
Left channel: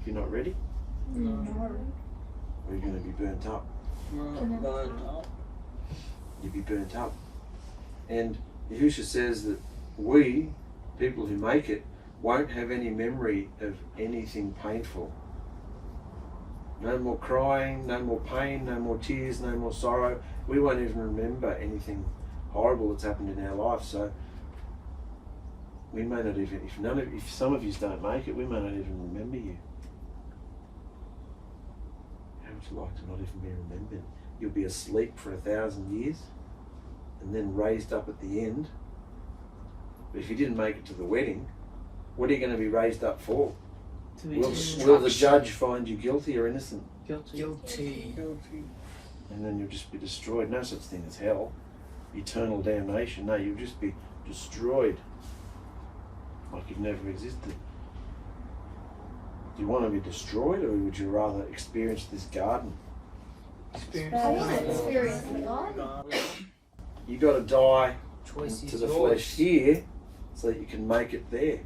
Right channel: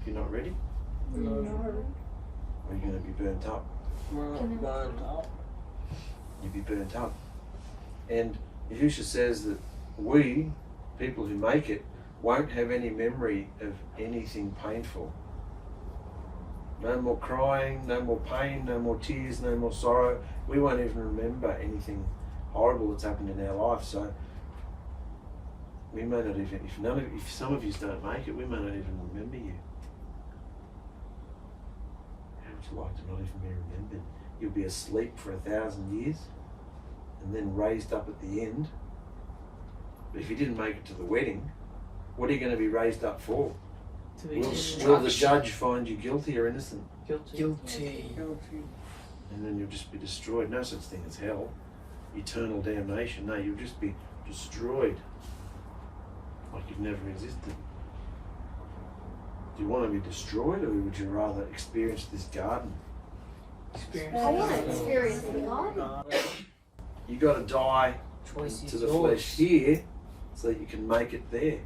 If you're not ready? No. Or are you going to be burnt up? You'll be burnt up. And Yahusha says that we, people who make it, won't have any memory of anything painful. No more crying, no more pain, no more tears, no more sorrow. We won't even remember anything horrible that's happened in our life. So we may not even, if some of you don't make it, we may not even remember you. How would you like to not even be remembered? You'll be asleep for 1,000 years and then raised up at the end. But if you didn't make it to the wedding, what are you going to be raised up for? To be Will the judge find you guilty or innocent? guilty. And then you'll just be destroyed. No such thing as hell. Eternal damnation. No, you'll just be destroyed. Like you've never existed. Do you want to be destroyed or would you rather experience this garden? I want to experience the garden. You got to die Choice to is the yours. flesh here so that you can make it there.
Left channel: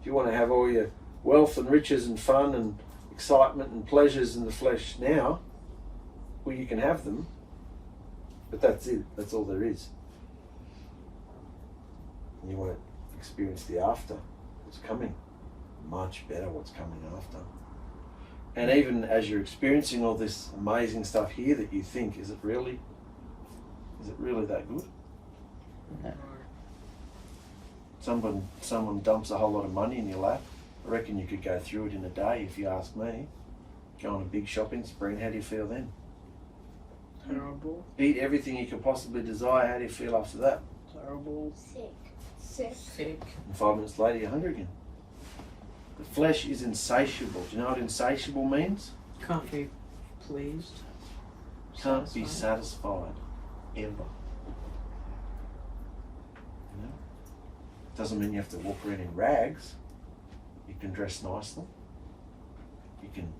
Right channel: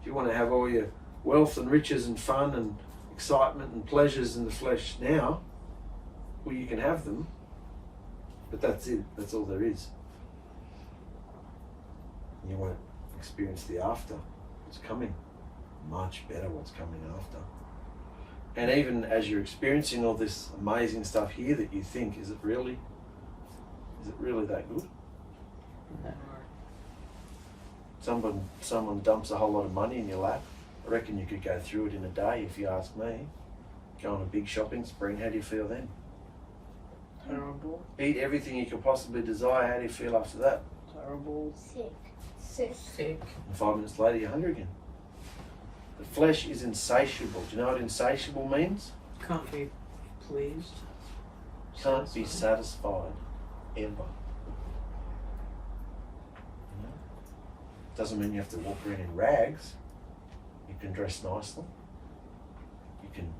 If you want to have all your wealth and riches and fun and excitement and pleasures in the flesh now, well, you can have them, but that's it. That's all there is. And you won't experience the after. What's coming? Much better what's coming after. And even as you're experiencing all this amazing stuff here that you think, is it really that good? Someone dumps a whole lot of money in your lap. I reckon you could go through it in a day if you ask me. Go on a big shopping spree, how do you feel then? Terrible. Eat everything you could possibly desire, how do you feel after that? Terrible. Sick. Sick. And 5 minutes later you're hungry again. The flesh is insatiable. Do you know what insatiable means? Can't be pleased. Can't be satisfied, ever. You know? Doesn't mean you have to walk around in rags. You can dress nicely. You can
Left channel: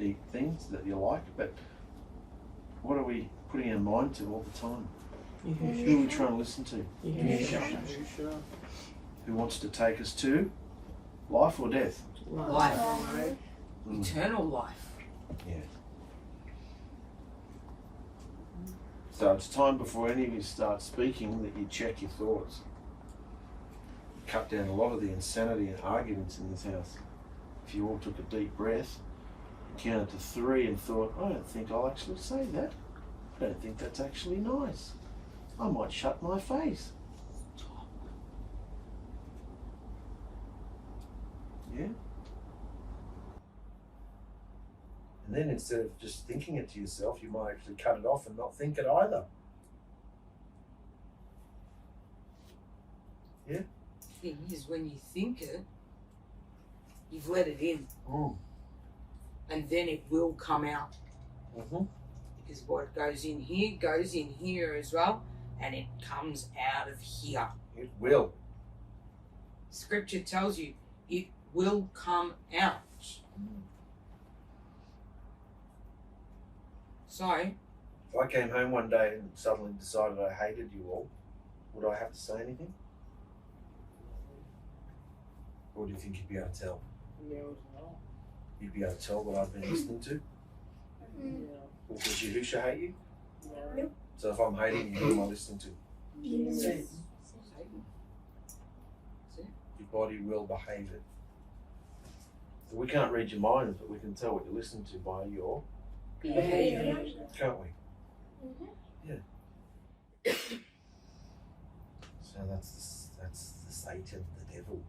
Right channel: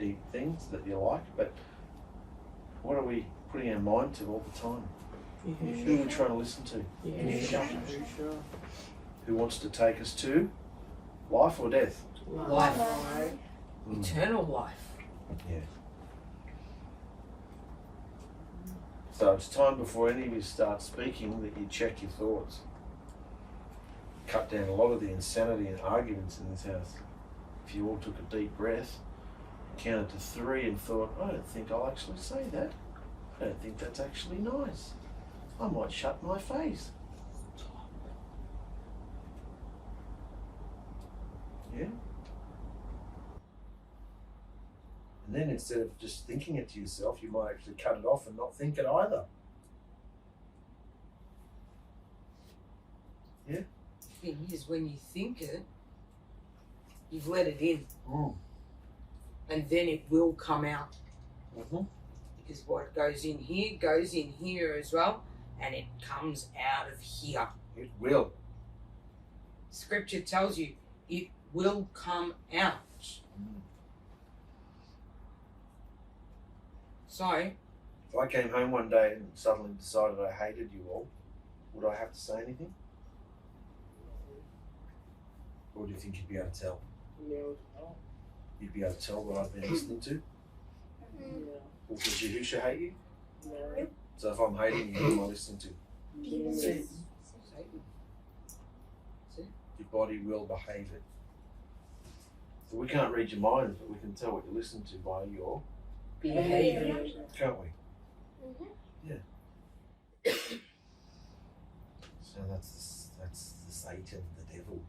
eat things that you like, but what are we putting our mind to all the time? Who are we trying to listen to? Who wants to take us to life or death? Life. Mm. Eternal life. Yeah. So it's time before any of you start speaking that you check your thoughts. Cut down a lot of the insanity and arguments in this house. If you all took a deep breath, counted to 3 and thought, I don't think I'll actually say that. I don't think that's actually nice. I might shut my face. Yeah? And then instead of just thinking it to yourself, you might actually cut it off and not think it either. Thing is, when you think it, You've let it in. And then it will come out. Because what goes in here as well, and it comes out of here. It will. Scripture tells you it will come out. So, if I came home one day and suddenly decided I hated you all, would I have to say anything? Or do you think you'd be able to tell? You'd be able to tell what I've been listening to? Or does Yahusha hate you? No. So if I'm hating you, who am I listening to? Satan. Your body will behave it. So we can't read your minds, but we can tell what you're listening to by your Behavior. Can't we? Yeah. So that's the Satan, the devil.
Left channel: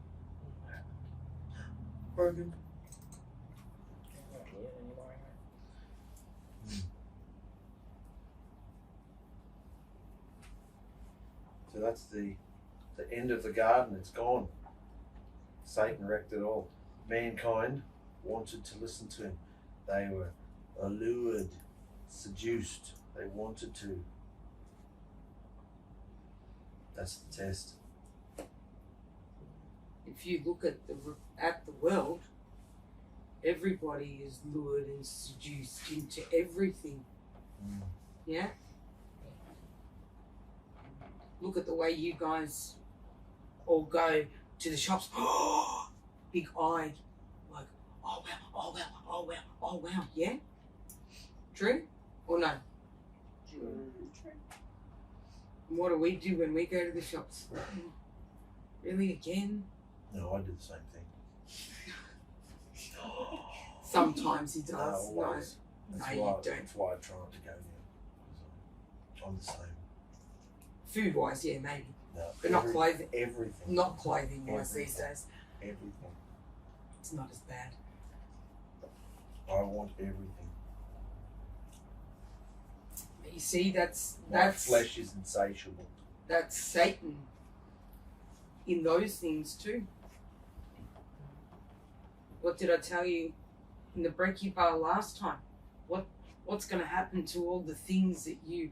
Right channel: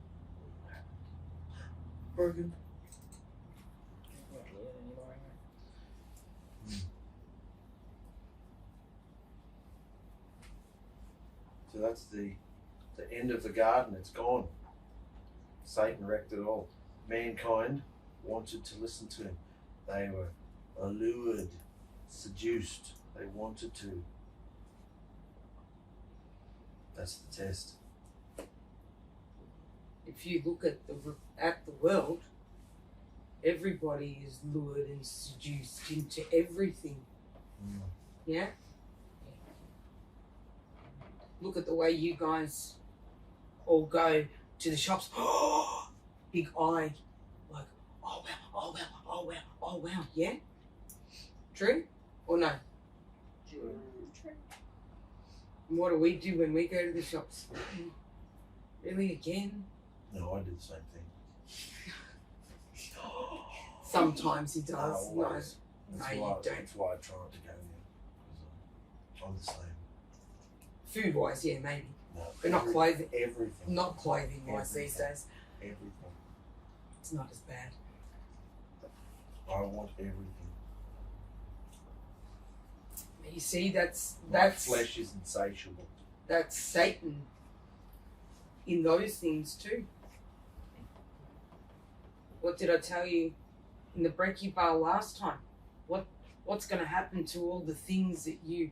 Broken. So that's the end of the garden. It's gone. Satan wrecked it all. Mankind wanted to listen to him. They were allured, seduced. They wanted to. That's the test. If you look at the world, everybody is lured and seduced into everything. Yeah? Look at the way you guys all go to the shops. Big eye. Like, oh wow, oh wow, oh wow, oh wow. Yeah? True or no? True. And what do we do when we go to the shops? Really, again? No, I do the same thing. Sometimes he does. No, No, always. no, That's you why, don't. That's why I try not to go there. I'm the same. Food wise, yeah, maybe. No, But not clothing. Everything. Not clothing wise these Everything. days. Everything. It's not as bad. I want everything. You see, that's My flesh is insatiable. that's Satan in those things too. What did I tell you in the brekkie bar last time? What's going to happen to all the things that you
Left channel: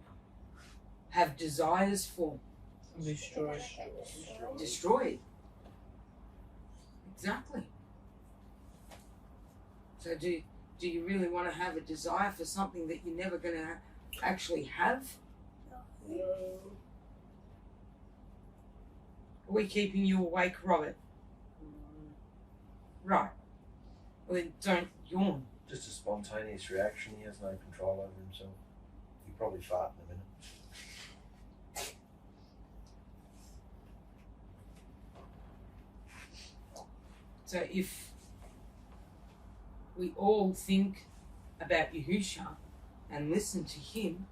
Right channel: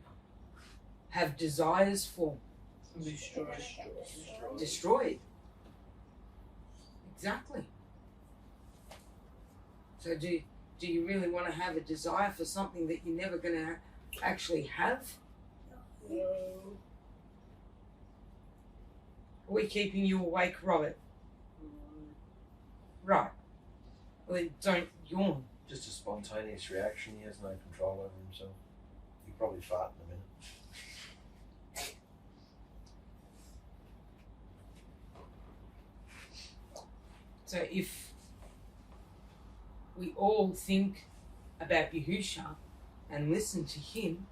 have desires for? Destroyed. Exactly. So do you really want to have a desire for something that you're never going to actually have? No. Are we keeping you awake, Robert? Right. Well, then don't yawn. Just a spontaneous reaction. He has no control over himself. He'll probably fart in a minute. So if we all think about Yahusha and listen to him,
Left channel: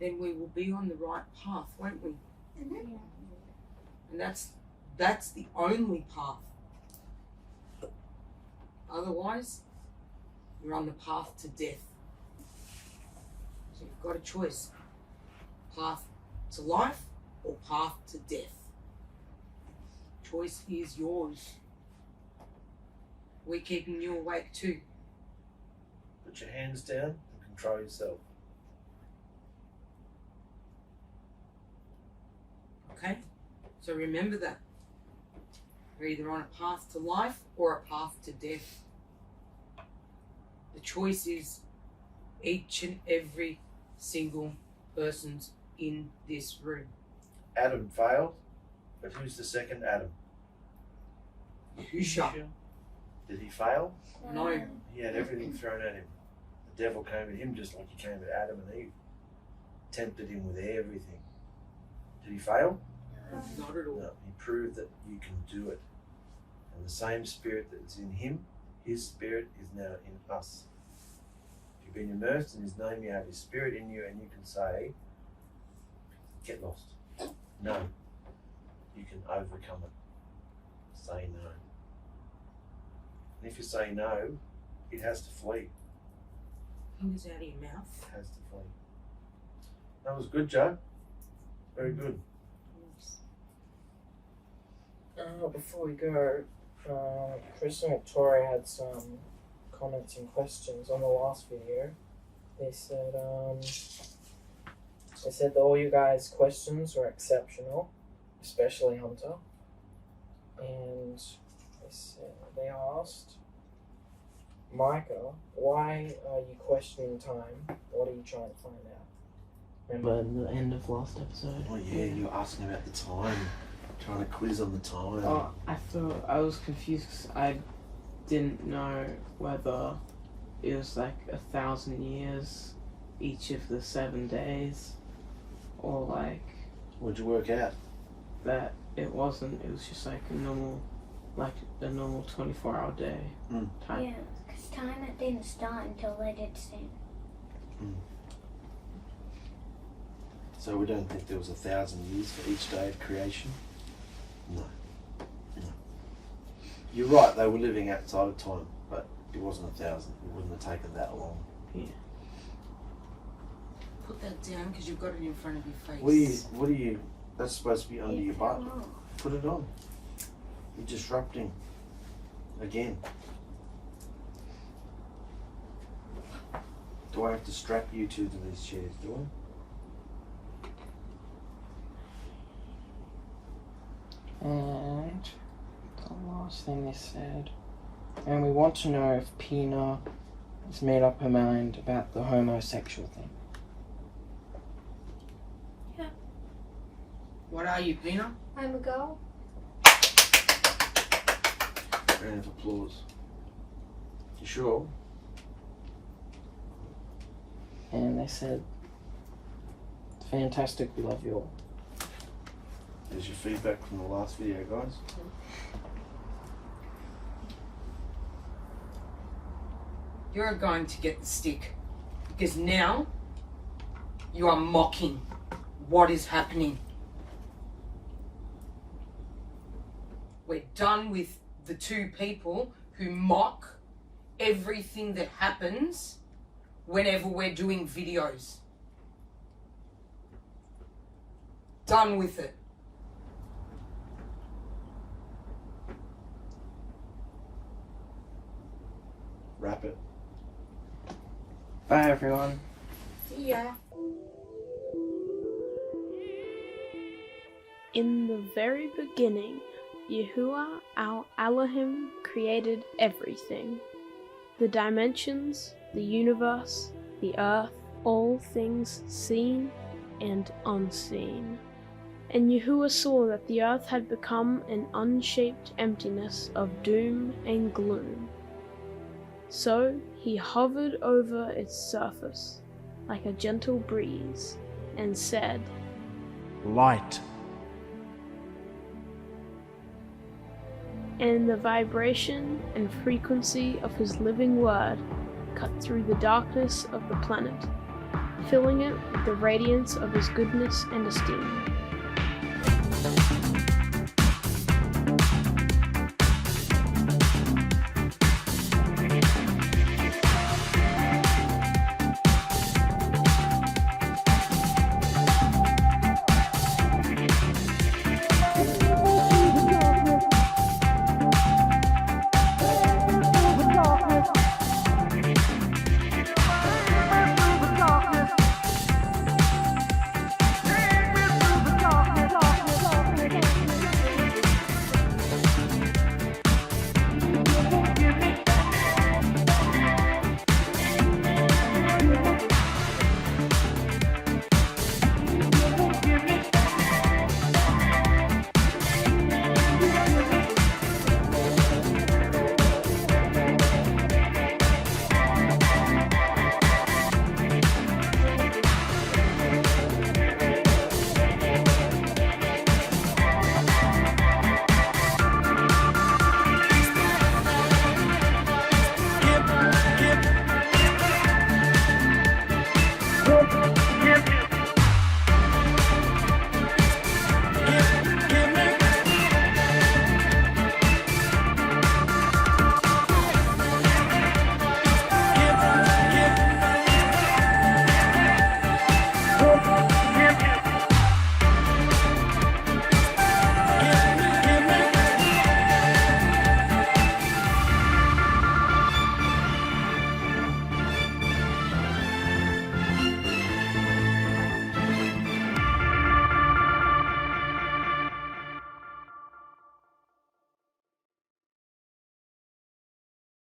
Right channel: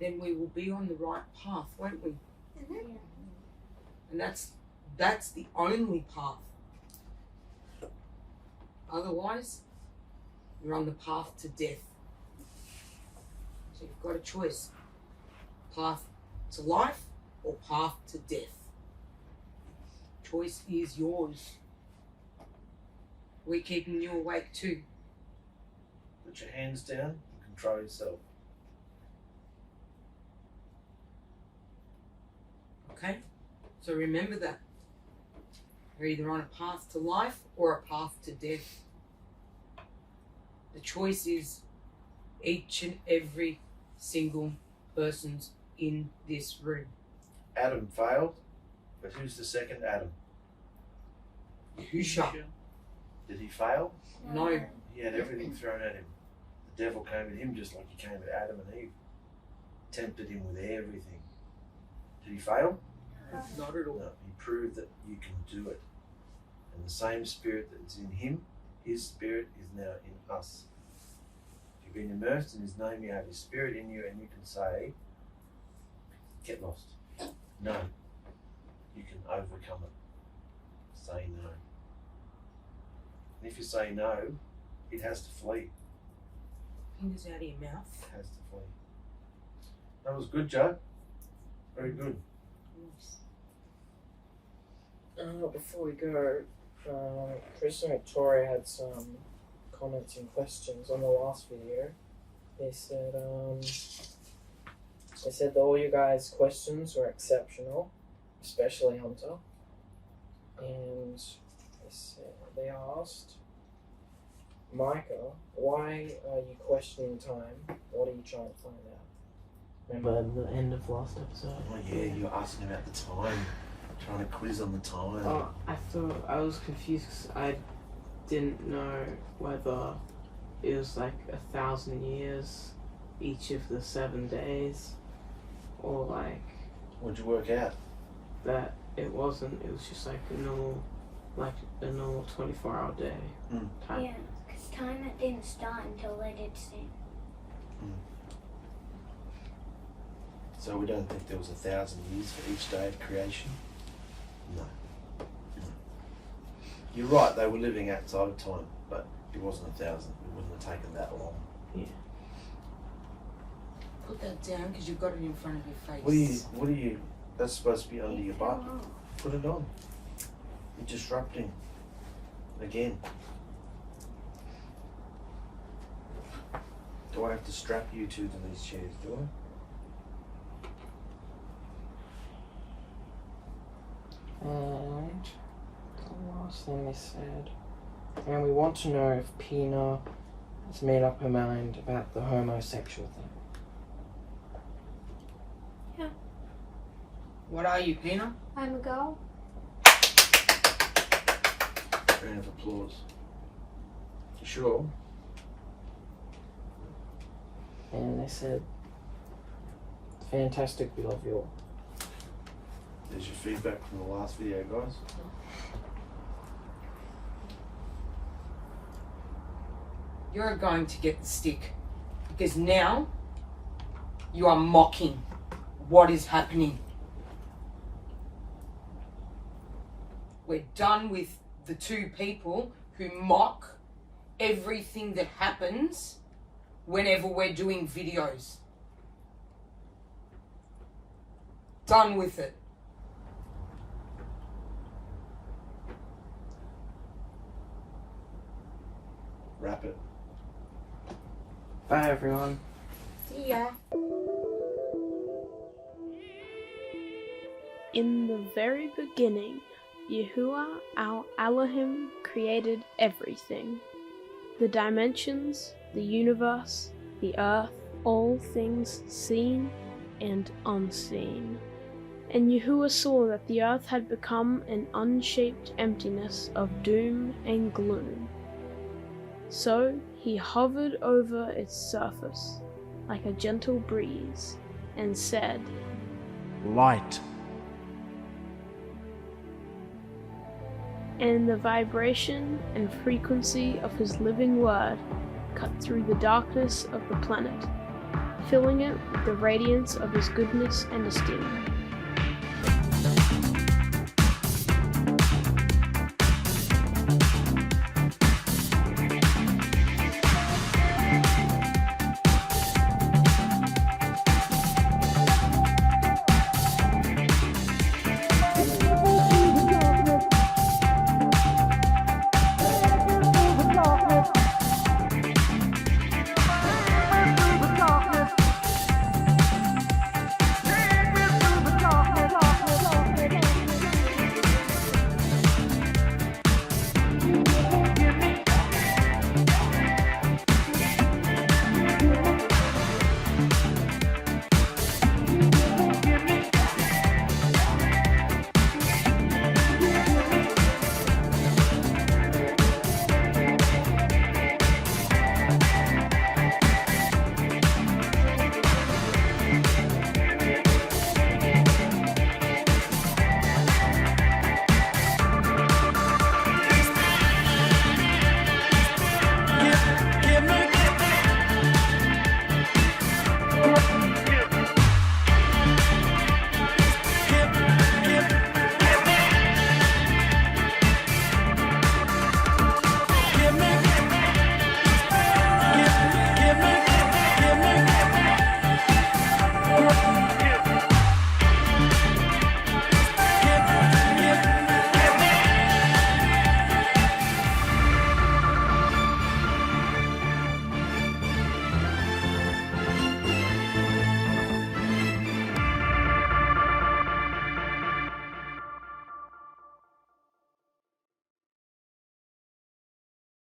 then we will be on the right path, won't we? And that's the only path. Otherwise, you're on the path to death. So you've got a choice. Path to life or path to death. Choice is yours. We're keeping you awake too. Put your hands down and control yourself. Okay? So remember that. You're either on a path to life or a path to death. The choice is each and every single person's in this room. Adam failed, but who's the second Adam? Yahusha. Did he fail? No. He had everything thrown at him. The devil came at him just like he came at Adam and Eve. Tempted him with everything. Did he fail? Not at all. No. He proved that you can do it. And the same spirit that's in him, his spirit is now in us. If you've been immersed in his name, you have his spirit in you, and you can say, get lost. No. You can overcome it. Say no. And if you say no, it has to flee. Fingers out of your mouth. It has to flee. That was good, Joe. Very good. Before we go, Chris and Victoria had some comments and questions on the last video. They said that all you guys' questions were exceptional, especially Hunter. And they asked, Micah, why are you questioning time? What are you trying to find out? Remember the end of last episode? Oh yeah, you were asking about the time. Trying to quiz on the time. Oh, I thought I was confused because I didn't know whether it was like 1,000 years each of the 7 days, or like What'd you work out? that it wasn't. It was just like a normal 24-hour day. Mm. Time. Yeah, because time it didn't start until they did sin. So we don't think there was 1,000 years for each day of creation? No. You're right, they were living outside of time, but it wasn't 1,000. It wouldn't have taken that long. Put that down because you've got it in front of your face. What are you, that's supposed to be under your butt. Put it on. You're disrupting. Again. Do I have to strap you two to these chairs, do I? And the last thing they said, and we want to know if Pina has made up her mind about the homosexual thing. What are you, Pina? I'm a girl. Round of applause. You sure? And they said, fantastic, we love you all. There's your feedback from the last video, guys. You're going to get the stick because now you are mocking what is happening. We're done with the two people who mock everything that happens whenever we're doing videos. Done with it. Wrap it. Bye, everyone. See ya. In the very beginning, Yahuwah our Elohim created everything. The dimensions, the universe, the earth, all things seen and unseen. And Yahuwah saw that the earth had become an unshaped emptiness of doom and gloom. So he hovered over its surface like a gentle breeze and said, Light. And the vibration and frequency of his living word cut through the darkness of the planet, filling it with the radiance of his goodness and esteem.